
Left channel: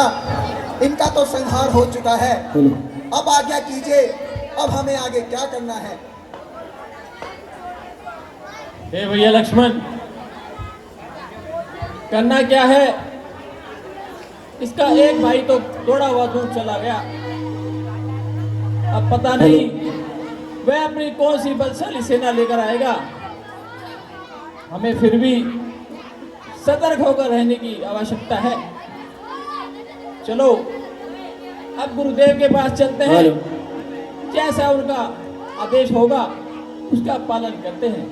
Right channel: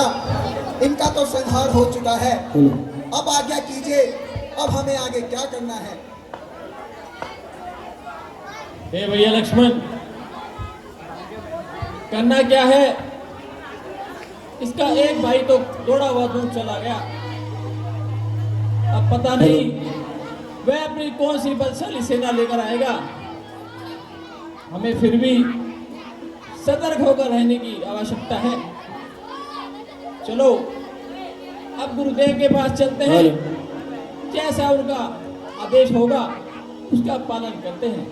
राजा, इनका तो संहार हो चुका है, अब आज्ञा कीजिए, अब हमें आगे क्या करना है? हे भैया लक्ष्मण, करना क्या है? इसका एक भाई तो थोड़ा हुआ दूर चला गया, अब पता नहीं वह अपनी कौन सी बलशाली सेना लेकर आएगा। हमें फिर भी सतर्क होकर रहने की आवश्यकता है। चलो अब गुरुदेव के पास चलते हैं, जैसा उनका आदेश होगा उसका पालन करते हैं।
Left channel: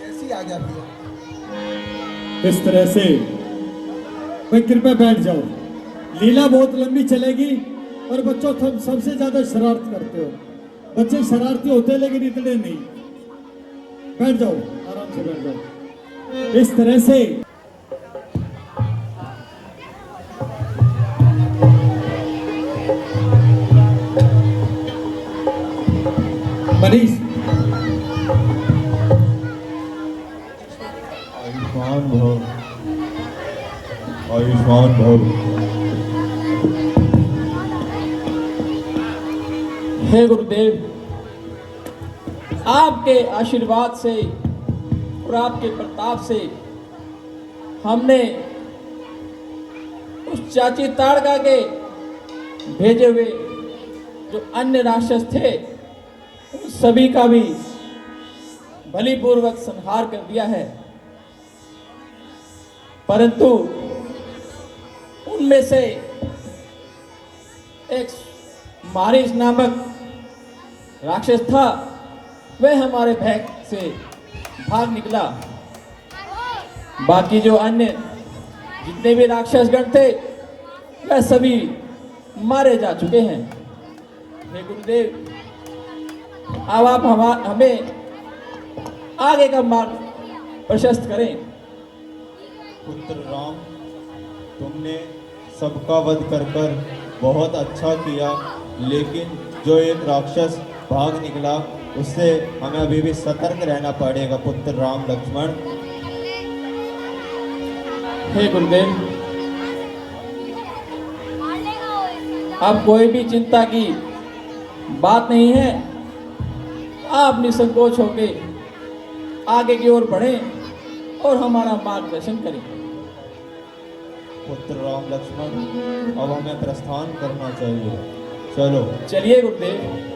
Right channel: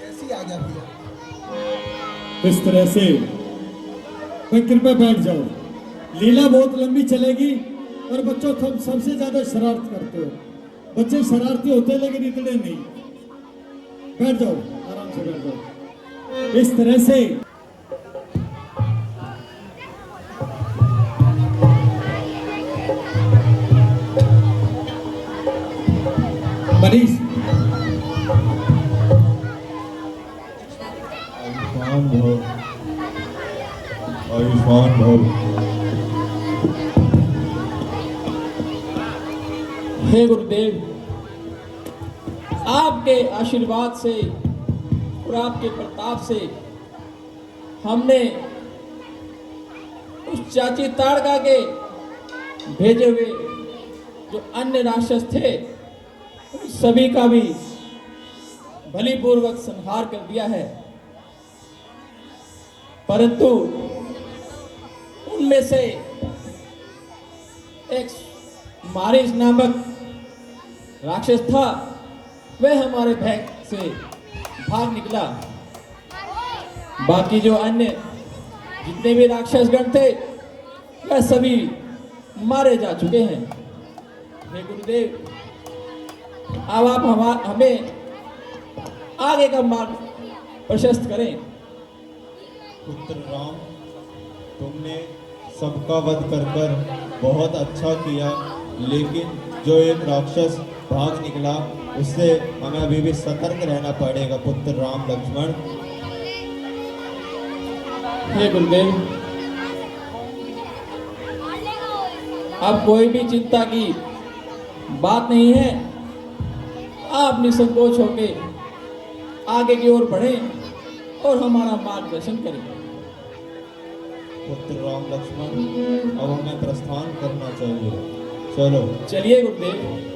जैसी आज्ञा भैया। इस तरह से मैं कृपया बैठ जाओ, लीला बहुत लंबी चलेगी और बच्चों तुम सबसे ज्यादा शरारत करते हो। बच्चे शरारती होते हैं लेकिन इतने नहीं। बैठ जाओ, आराम से बैठ जाओ। इस तरह से मनीष, आयुष्मान भव, आयुष्मान भव। हे गुरुदेव, आपके आशीर्वाद से और आपके प्रताप से हमने उस चाची ताड़का के भेजे हुए जो अन्य राक्षस थे उन सभी का भी बलिपूर्वक संहार कर दिया है, परंतु उनमें से एक मारिस नामक राक्षस था, वह हमारे भय से भाग निकला। बाकी जो अन्य जितने भी राक्षसगण थे वह सभी मारे जा चुके हैं। हे गुरुदेव, अब आप हमें आगे का मार्ग प्रशस्त करें। पुत्र राम, तुमने सबका वध कर कर बहुत अच्छा किया, लेकिन जो एक राक्षस भाग निकला उससे हमें अभी भी सतर्क रहना पड़ेगा। पुत्र राम लक्ष्मण। हे गुरुदेव, अब कोई भी चिंता की बात नहीं है। आप निसंकोच होके आगे की ओर बढ़ें और हमारा मार्गदर्शन करें। पुत्र राम लक्ष्मण, अब हमें प्रस्थान करना चाहिए। चलो चलिए गुरुदेव।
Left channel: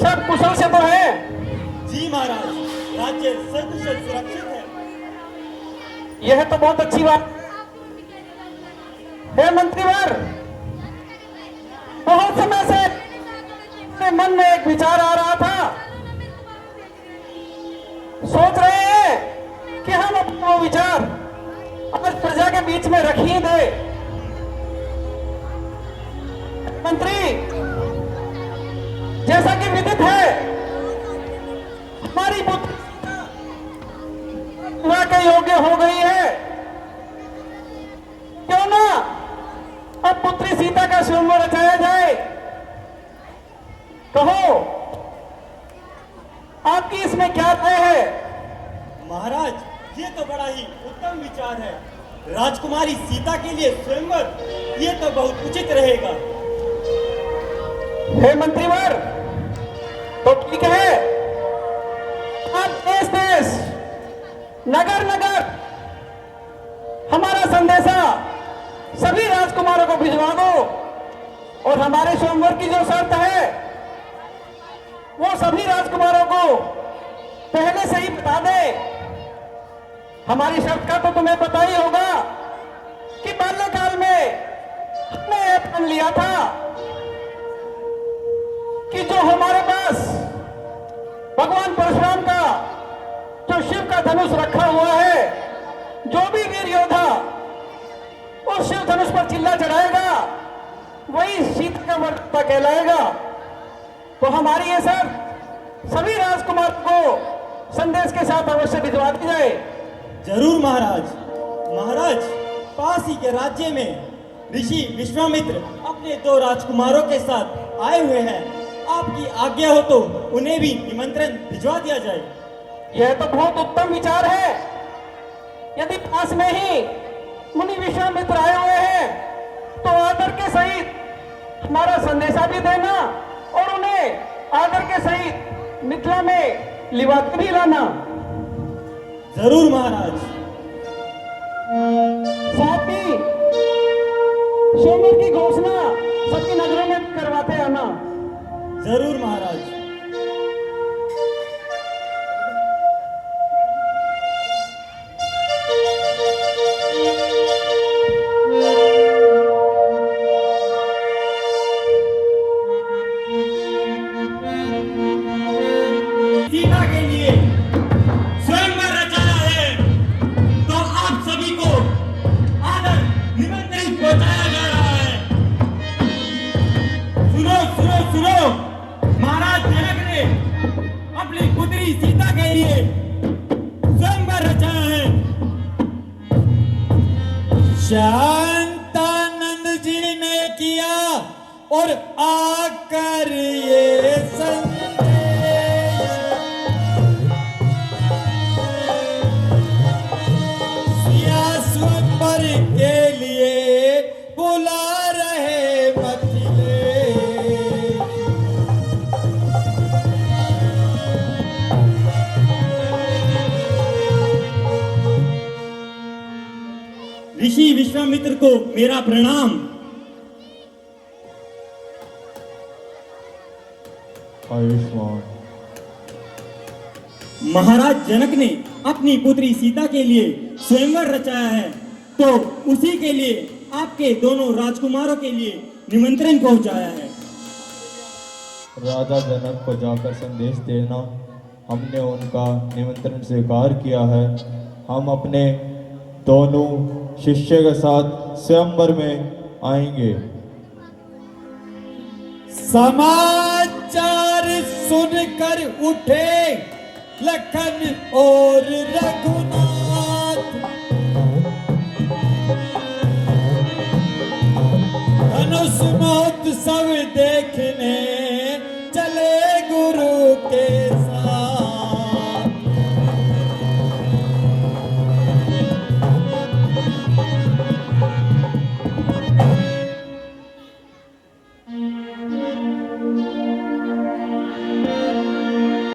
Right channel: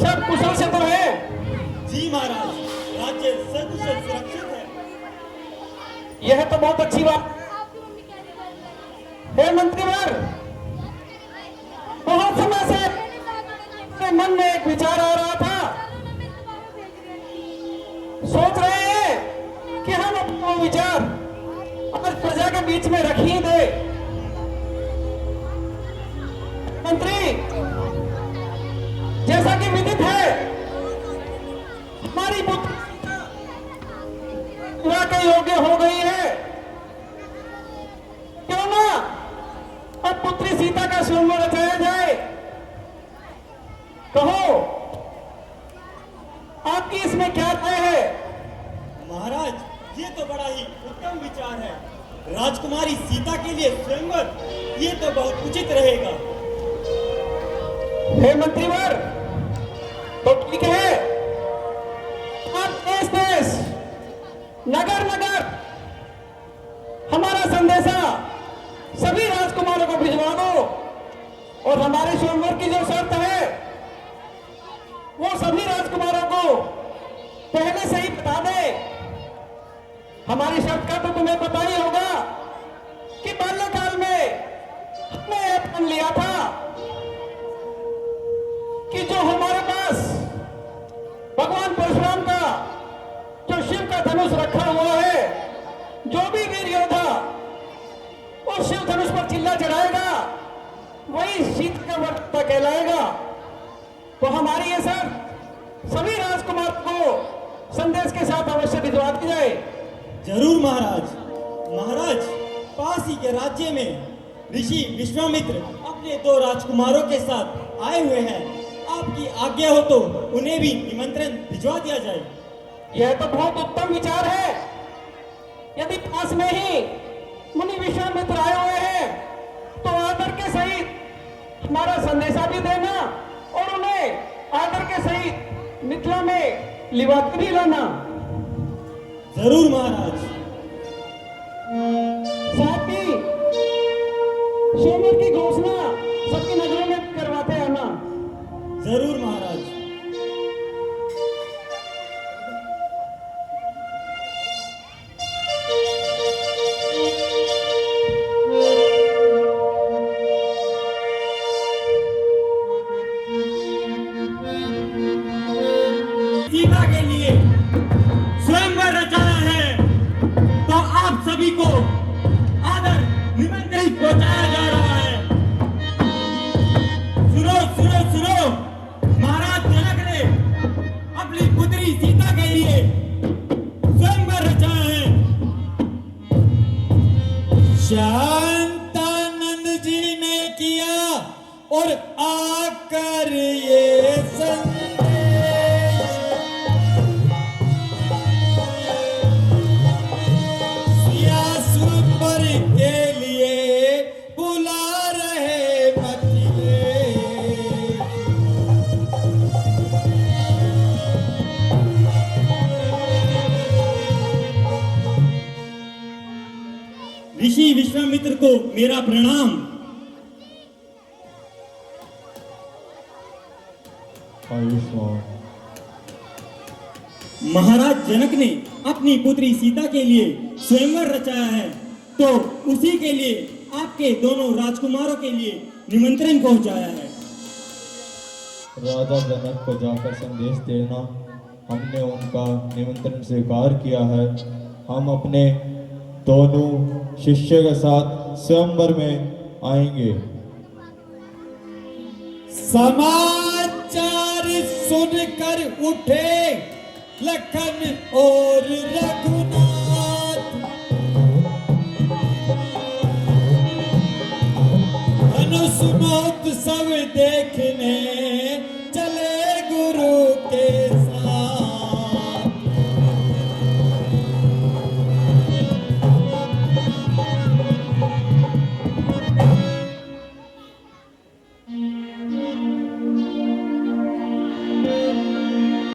सब कुशल से तो है? जी महाराज, राज्य सकुशल सुरक्षित है। यह तो बहुत अच्छी बात। हे मंत्रीवर, बहुत समय से मेरे मन में एक विचार आ रहा था। सोच रहे हैं कि हम अपना वो विचार आज प्रजा के बीच में रख ही दे। मंत्री, जैसा कि विदित है, हमारी पुत्री विवाह के योग्य हो गई है। क्यों ना अब पुत्री सीता का स्वयंवर रचाया जाए? कहो, आपकी इसमें क्या राय है? महाराज, ये तो बड़ा ही उत्तम विचार है। राजकुमारी सीता के लिए स्वयंवर, ये तो बहुत उचित रहेगा। हे मंत्रीवर, तो ठीक है, आप देश देश नगर नगर हमारा संदेशा सभी राजकुमारों को भिजवा दो और हमारे स्वयंवर की जो शर्त है वो सभी राजकुमारों को पहले से ही बता दे। हमारी शर्त का तो तुम्हें पता ही होगा कि बाल्यकाल में हमने यह ठान लिया था कि जो हमारे पास भगवान परशुराम का जो शिव का धनुष रखा हुआ है, जो भी वीर योद्धा उस शिव धनुष पर चिल्ला चढ़ाएगा वही शीत का मर्द कहलाएगा। तो हमारी ये सर सभी राजकुमार को संदेश के साथ अवश्य भिजवा दी जाए। जरूर महाराज। महाराज, पास ही के राज्य में ऋषि विश्वामित्र अपने 2 राजकुमारों के साथ आए हुए हैं। आपकी आज्ञा हो तो उन्हें भी निमंत्रण भिजवा दिया जाए। यह तो बहुत उत्तम विचार है। यदि पास में ही मुनि विश्वामित्र आए हुए हैं तो आदर के सहित हमारा संदेशा भी देना और उन्हें आदर के सहित मिथिला में लिवात भी लाना। जरूर महाराज। साथ ही स्वयंवर की घोषणा सबकी नजरों में करवाते आना। जरूर महाराज। सीता के लिए स्वयंवर रचाया है तो आप सभी को आदर निमंत्रण पहुंचाया जा रहा है। सुनो सुनो सुनो, महाराज जनक ने अपनी पुत्री सीता के लिए स्वयंवर रचाया है। शांतानंद जी ने किया और आकर ये संदेश सिया स्वयंवर के लिए बुला रहे बचले। ऋषि विश्वामित्र को मेरा प्रणाम। आयुष्मान। महाराज जनक ने अपनी पुत्री सीता के लिए स्वयंवर रचाया है तो उसी के लिए आपके दोनों राजकुमारों के लिए निमंत्रण पहुंचाया है। राजा जनक को जाकर संदेश देना। हमने उनका निमंत्रण स्वीकार किया है। हम अपने दोनों शिष्य के साथ स्वयंवर में आएंगे। समाचार सुनकर उठे लखन और रघुनाथ, धनुष मौत सब देखने चले गुरु के साथ।